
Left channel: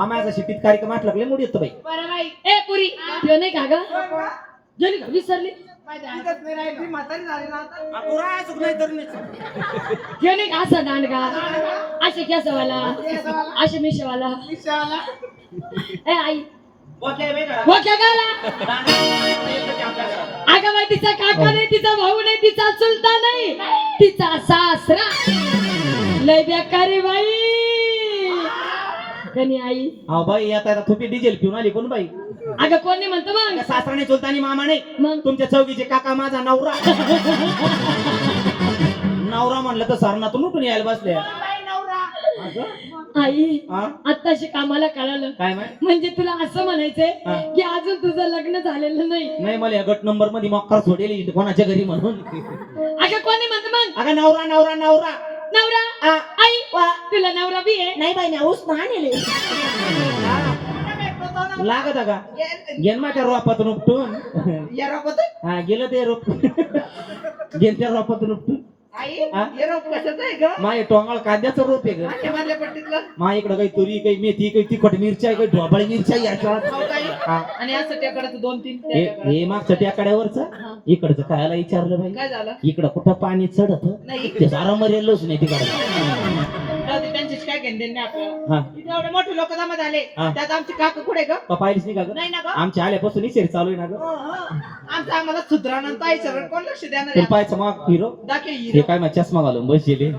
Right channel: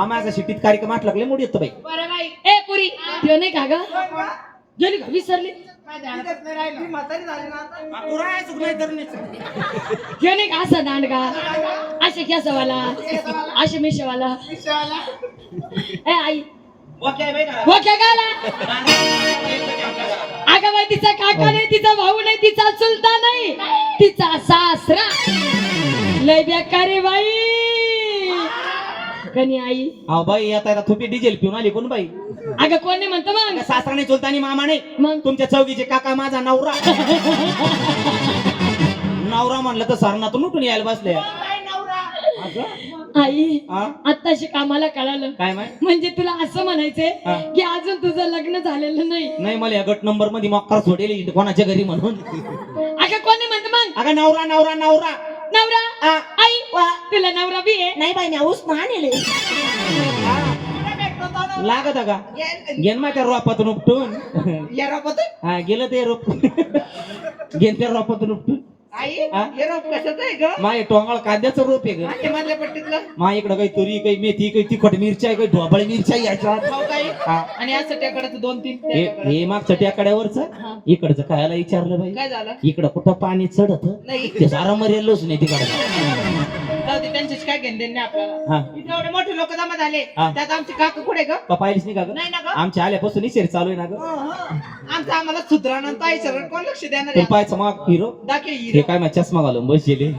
माझा शिटीत कार्यक्रम म्हटलं लागले मूड येतो बाई ए पुरी ठेव नाही का ग गेली का विसरली म्हातारी झाली ना आता. तू राहाय चुक नाही तर नाही. ठेव नाही का असं दांडगा असे केसवाला असे मिशवाला रिक्षावाला. ए आई ओके बाई घरात. हो क्या गाला अगं बाई तिचा काका नाही तिचा भाऊ नाही तिचा चुलता नाही तिचा सासरा लय बेकारी बाई कनी आई अहो बाई आता थोपी डिझेल पिऊन आली कोण बाई अगं कोणी म्हणतो मग सासराने चुलतानी मामाने मग तुमच्या चौकीचे काका माझा नवरा नवरा म्हणलं तर सरणातून उठून यायला बसले असं? आई हा? आत्ताशी कामाला कळालं काय माहित म्हणजे तुला असं म्हणायचंय हा. की अजून तुझं लग्न झालेलं नाही नाही मला या गट नंबर मध्ये मक्कार सोडेल कोणाच्या घरी म्हणून अगं कोणी म्हणतो मग अगं नवरा नवरा नवरा नवरा हा. आई तुला नवरा बी आहे नाही बाई नाऊस आणले लागत का घेन मा त्या रोपातून उपटून या रोपात हा गेलं ते रोप घेन त्या रोपातून उपटून आई हा? या रोप कशाचं आहे ग माय टोंगळ कांद्याचं रोप आहे ग ते मधल्या पट्टीतलं मा इकडं काही तुरी काही मेथी काही तिखट मिरच्या काही ढोबळ मिरच्या याच्यात खाऊ काही हा. आणि असं त्याकडे 2-3 हे मागचं टेकड्यावरच इकडचं खायला विचारलं काय बाई झालं इकडं कुठं पाणी चढत नाही ते सारा मरेलच नाही तिकडं जाऊ दे, त्यांच्याशी काय घेणं देणं नाही आपल्याला हा इथे एवढे मोठे लोक जमा झाले हा. त्यात आमचे काका कुठे ग का पाहिलीच नाही का ग नाही ना ग आमच्या आल्यापासून निशेर चालू आहे ना ग आमचं आम्हाला सुधरावणं काय सर कोण लक्ष देणार तुला आहे? पाहायचं मग हिरो दाखव हे हिरो काय मग चष्मा घालून बसले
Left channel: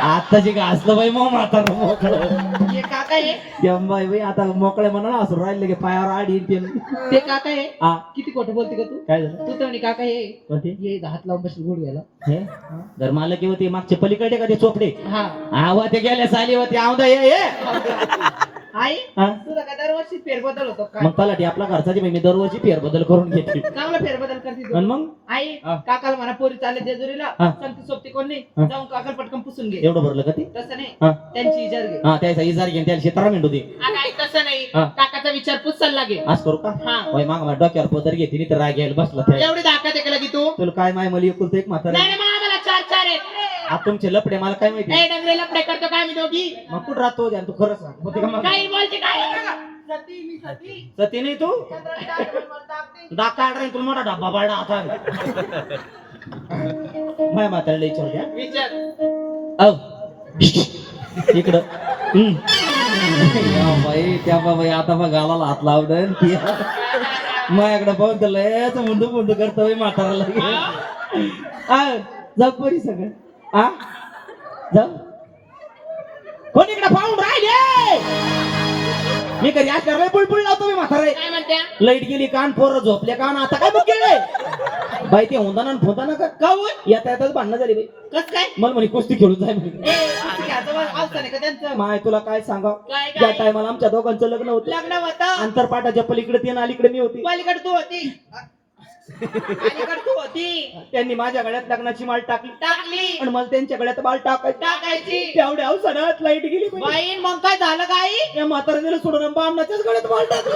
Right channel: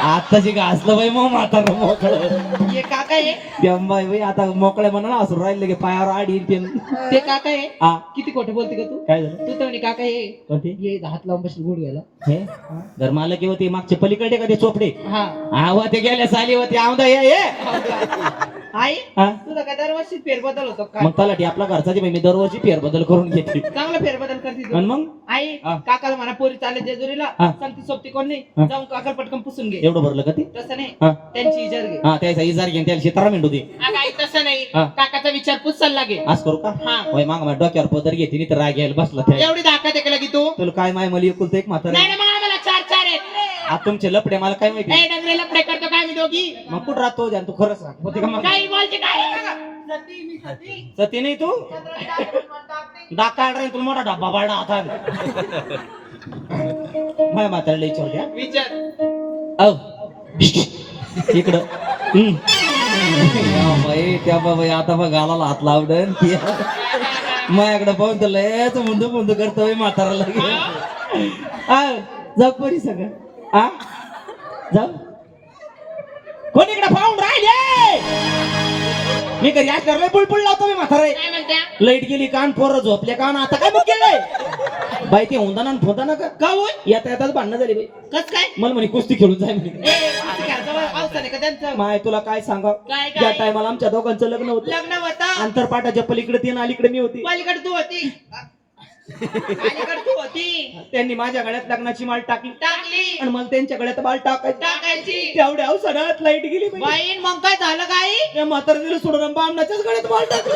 आताची घासलं बाई मग म्हातारा मोकळं हे काका आहे ते बाई बाई आता मोकळ्या म्हणा असं राहिले की पायावर आडी ते ते काका आहे हा किती खोटं बोलते का तू काय झालं तू तर म्हणे काका हे कोणते ये हात लावून बसली गुड घ्यायला हे घर मालक होते मागचे पलीकडे का ते चोपडे हा आवा ते गेल्या साली होते औंदा ये आई हा तुझा काय दरवर्षी फेरबदल होतो काय मग तलाठी आपला घरचा जे बाई मी दरवर्षी फेरबदल करून घेते चांगला फेरबदल करते तू आणि मग आई हा. काकाला म्हणा पोरी चालले जेजुरीला हा. सांगती सोबती कोण नाही हा. जाऊन काकाला पटकन पुसून घे एवढं भरलं का ते तसं नाही हा त्यांची इजार घे हा त्याचा इजार घेऊन त्याला शेतारा मेंढू दे अगं आई तसं नाही हा. काकाचा विचारपूस चालला घे आज करू का हा. होय माग माझ्या डोक्यावर पदर घेते नाही तर राग घ्यायला बसला त्या एवढी दाखवत आहे की तू तुला काय माय मला एकुलतं एक म्हातारा नाही ना मग आम्हाला 4 आहेत आता तुमचे लपडे मला काय माहिती ए डबरे लपडे करतो काय आम्ही दोघी मग कुठं राहतो आणि तू खरं सांग होते का मग काही बोलते काय सती मी सती सती नाही तू दाखा तुला मोठा डब्बा बाळा आता माय म्हातारला विचार द्या विचार औ इकडं या बाई त्या बाई आता बघ गालाला हात लावलं माझ्याकडे पाहून तर लयच मुंडू मुंडू करतोय म्हाताराला जाऊ परी सगळं आ जाऊ कोण इकडे पाहून राहिले मी घरी आज करले पुळपुळ लावतो मी म्हातारा काय म्हणत्या लाईट गेली कान पोरं झोपले कान आता काय बुक केलंय बाई ते होंदाना फोताना का होय येता येताच भांडणं झाली बाई कस काय मला म्हणे कुस्ती खेळून जाय म्हणे ए असं घ्यायचं बा, अवसर आहे का त्यांचं माय तुला काय सांगा काय त्या टायमाला आमच्या दोघांचं लग्न होतं लग्न होतं अंतरपाटाच्या पलीकडे ती आणि अलीकडे मी होती पलीकडे तू होती पलीकडे तू होती त्यांनी माझ्या गळ्यात लग्नाची माळ टाकली टाकली आणि मला त्यांच्या गळ्यात माळ टाकायची टाकायची तेवढ्या अवसरात लाईट गेली बाई. बाई मग काय झालं काय त्या म्हाताऱ्याला सोडून बामणाच्याच गळ्यात माळ टाकली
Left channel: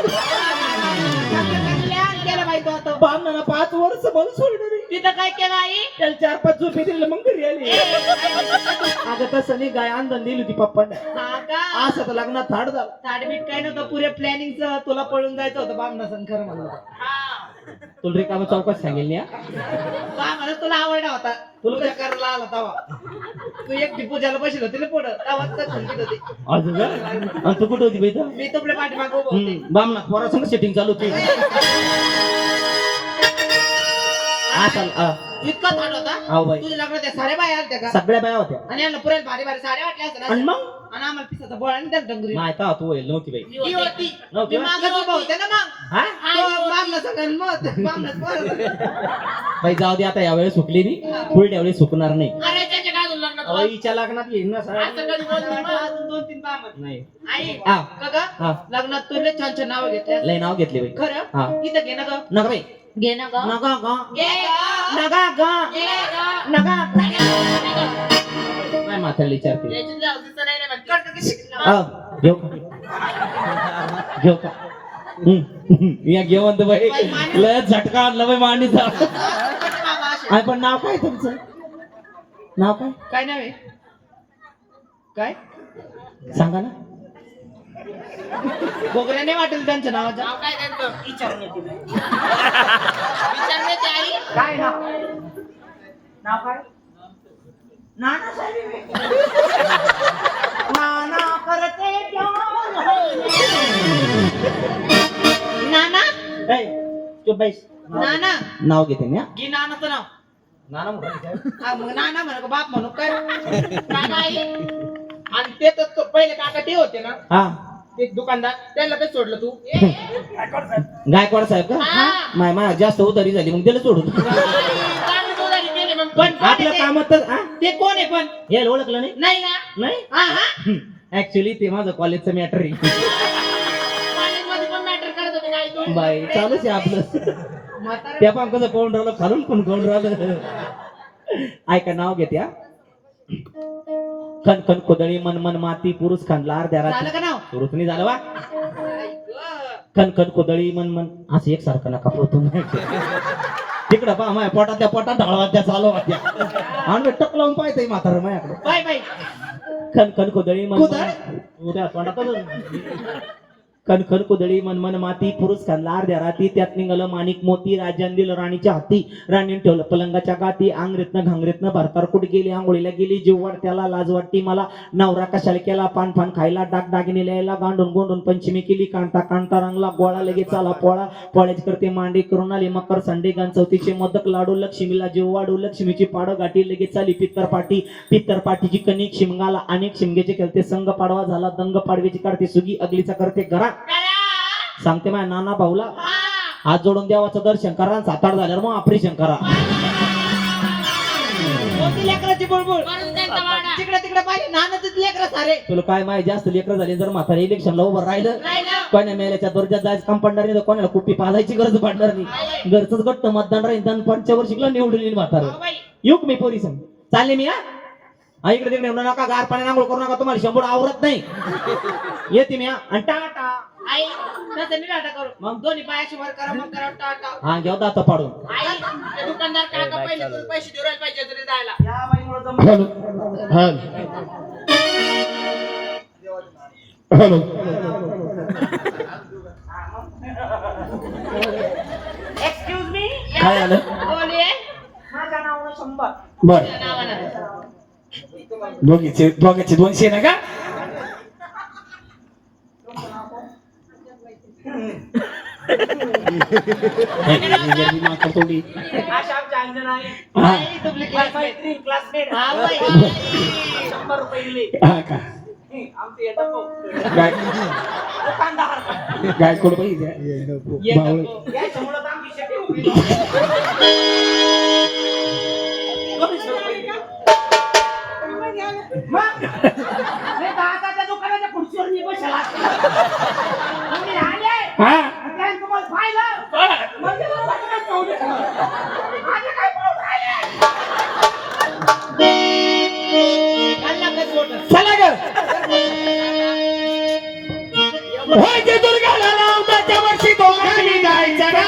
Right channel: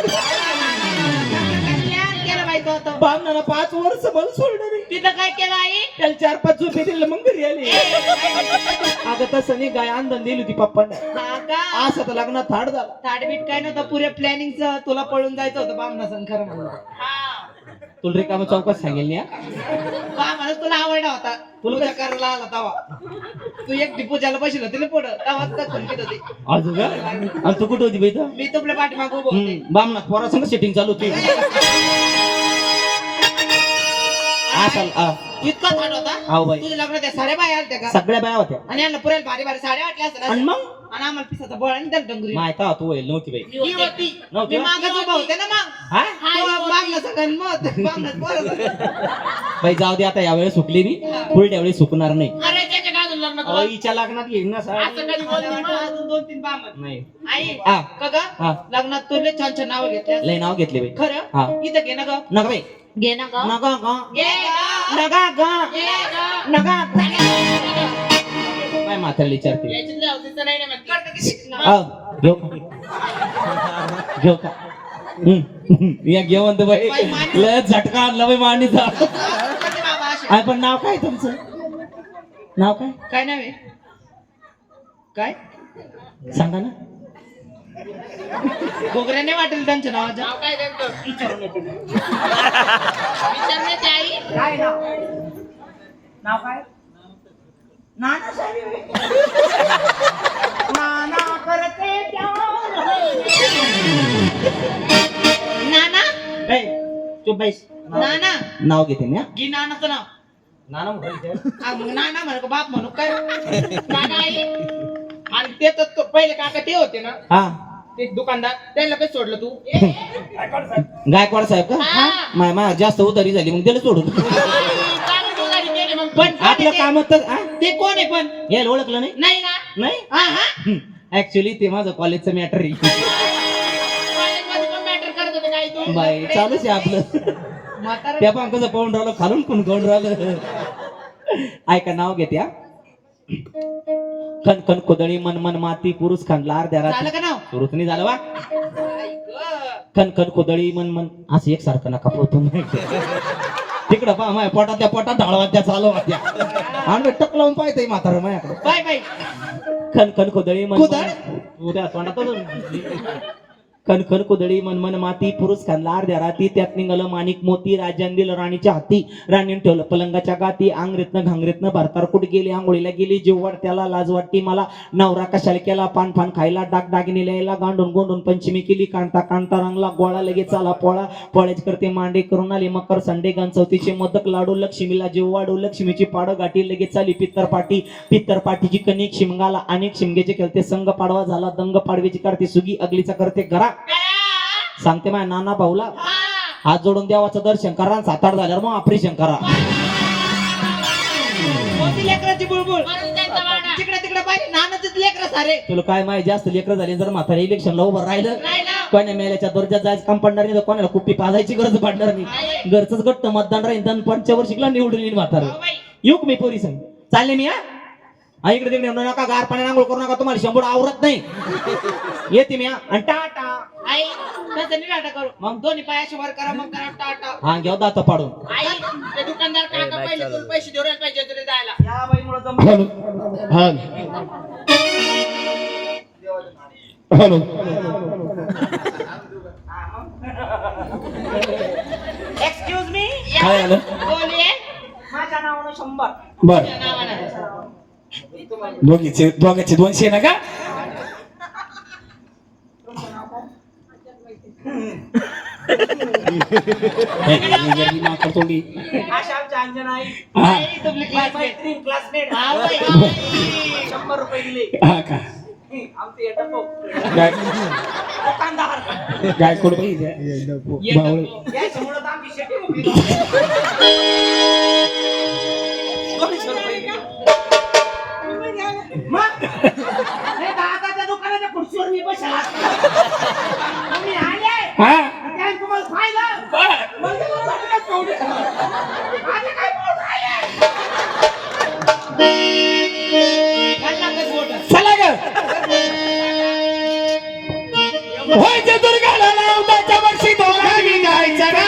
कल्याण केलं बाई तो आता. बामणानं 5 वर्ष मला सोडलं नाही. तिथं काय केलं आई त्याला 4-5 झोपे दिले मग घरी आली अगं तसं नाही गाय आंदन दिली होती पप्पांना हा का असं तर लग्नात थाट झाला ताडबीट काय नव्हतं पुऱ्या प्लॅनिंगचं तुला पळून जायचं होतं बामना खरं म्हणलं तुला रिकामा चौकात सांगेल ना बामना तुला आवडला होता पूजा करायला आला तवा तू एक पूजाला बसलो तिला पुढं तवा खंडीत होती अजून का? आणि तू कुठं होती बाई इथं? मी तुपल्या पाठीमागं उभं होते बामना पोरासंग सेटिंग चालू होती असल इतका थाट होता आहो बाई तुझ्या लग्नात त्या साड्या बाया आल्या का सगळ्या बाया होत्या आणि यांना पुरेल भारी भारी साड्या वाटल्या असतात आणि मग आणि आम्हाला पिसाचा बोळा आणि त्याला डंगरी माहिती आहे, तू होईल नव्हती बाई ती होती नव्हती मी ना? मागं उभा होते ना मग हा बामला सगळं मत बामलाच बोलत बाई जाऊ दे आता यावेळेस सुकली मी पुढल्या वेळी सुकणार नाही अरे त्याच्या गाजून लग्नात अहो, हिच्या लग्नात येईन ना सर असं कधी बोलली मग अजून 2-3 बामत नाही आई हा. का ग हा. लग्नात तुला छान छान नाव घेतले लय नाव घेतले बाई खरं हा. इथं घे ना ग नका बाई घे ना ग नका गा घे ग. नका गा घे ग. नका घे ग. काय म्हातारी विचारते याची जाऊ तिचं नाही ना म्हणते. कर का किती? अहो, घेऊ का घेऊ का या घेऊन तर बाई लय झटका आणला बाई मांडीचा करते बाबा असे. काय पण नाव काय तुमचं नाव काय काय नाही काय सांगा ना गोगऱ्याने वाटेल त्यांच्या नावाचं नाव काय त्यांचं विचारण्यात आई काय नाव काय नाना नाना चुप बैस नाना नाव घेते मी हा. घे नानाचं नाव नाना म्हणायचं. हा, मग नाना म्हणू का बाप म्हणू काय काका आई आणि ते तर तो पहिले काका ते होते ना हा ते दुकानदार त्यांना काही सोडलं तू गायकवाड साहेब का हा. माय जास्त उधारी झाली मग दिलं सोडून चांगली उधारी केली मग पण कोण आपलं आहे काम तर हा? ते कोण आहे पण हे ओळखलं नाही नाही ना नाही हा हा ऍक्च्युली ते माझं कॉलेजचं मॅटर आहे कॉलेजमध्ये पण मॅटर करत होते काय तू बाई चालूच आहे आपलं म्हातारा त्या पण कसं पाहून राहिलं खालून पण खाऊन राहिलं ऐका नाव घेते हा खन खन खोदळी मन मन माती पुरुष खांडला अर्ध्या झालं रात्री का नाव सुरूच नाही झालं वा आई गं. खन खन खोदळी मन मन असं एकसारखं नका पोतून तिकडं पहा माझ्या पोटात त्या पोटात ढाळवा त्या चालू त्या आणि टक लावून पाहतय म्हातारं माझ्याकडे बाय बाय खन खन खोदळी मन खोदळ? उद्या तोंडातच खन खन कुदळी मन मन माती पुरुष खानला अर्ध्या राती त्यात निघालं माणिक मोती राजान दिलं राणीच्या हाती राणीने ठेवलं पलंगाच्या गाती आंगरेतनं घांगरेतनं भारतार कुठे गेली आंघोळीला गेली जीव वाटत्याला लाज वाटती मला नवरा कशाला केला पान फान खायला डाग दागिने लिहायला गांडून गोंडून पंचमी केली कांता कांता रंगला गोळा लगेच आला पोळा पोळ्याच करते मांडे करून आली मकर संडे गान चौथीचे मोदक लाडू लक्ष्मीला जीव वाढू लक्ष्मीची पाडो गाठी लगेच आली पित्तर पाठीची कणिक शिमगाला अनेक शिमगेचे खेळते संघ पाडवा झाला दंग पाडवीची करते सुगी अगलीचा करते घरा सांगते माझ्या नाना भाऊला हात जोडून देवाचं दर्शन करा 7-8 झाल्यावर मग ऑपरेशन करा कोणती लेकराची बुळबुळ तिकडे तिकडे पाहिजे नानाचीच लेकरं सारे तुला काय माहिती जास्त लेकर झाले जर म्हातारे इलेक्शनला उभं राहिलं राहिलं. कोण्या मेल्याच्या दर्जात जायचं काम पडणार नाही तर कोणाला कुप्पी पाजायची गरज पडणार नाही घरचंच गट्ट मतदान राहील तर पंचवर्षिकला निवडून येईल म्हातारं हो बाई. येऊ का मी पोरी संग चालले मी हा इकडे तिकडे येऊ नका गार पाण्याने आंघोळ करू नका तुम्हाला शंभर आवरत नाही येते मी हा. आणि टाटा आई तसं नाही टाटा करू मग दोन्ही पायाशी वर करा मग करा टाटा हा घेऊ दात पाडून आई ते दुकानदार काका पहिले तुला पैसे देऊ राहिले पाहिजे तरी जायला या बाईमुळं जमलं. हॅलो एक्सक्यूज मी काय झालं बोलिये माझ्या नावानं 100 बर तुझ्या नावानं दोघांचे 200 ना का आशा आमच्या अंजना आई हा. आई तुमची क्लासमेट हा बाई. 100 रुपये दिले हा का आमचे येतात भाऊ. काय दुकानदार काय करू पाहिजे येतात याच्यामुळं तर आमची शेती मोकळी झाली. 200 रुपये दिले. मग? नाही तर आताच्या दुकानाच्या खुर्चीवर मी बसेल असतो. तुम्ही आले हा त्याने तुम्हाला पाहिलं म्हणजे मग बघणं पाहुणे. आता काय पाहून राहिले? खाल्ला का सोडलं? चला ग व्हायचं दुर्गाला लावताच्या वर्षी दोघांनी जायचं ग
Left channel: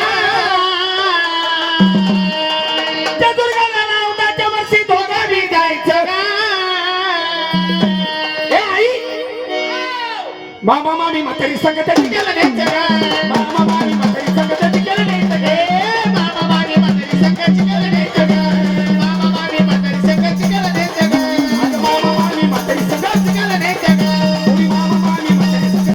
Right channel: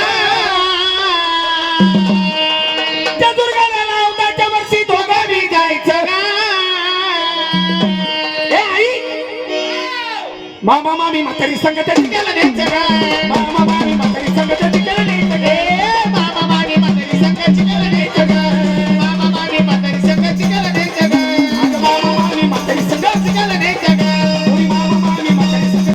त्या दुर्गाला लावताच्या वर्षी दोघांनी जायचं ग ए आई मामा मामी म्हातारी संगत त्याला द्यायचं ग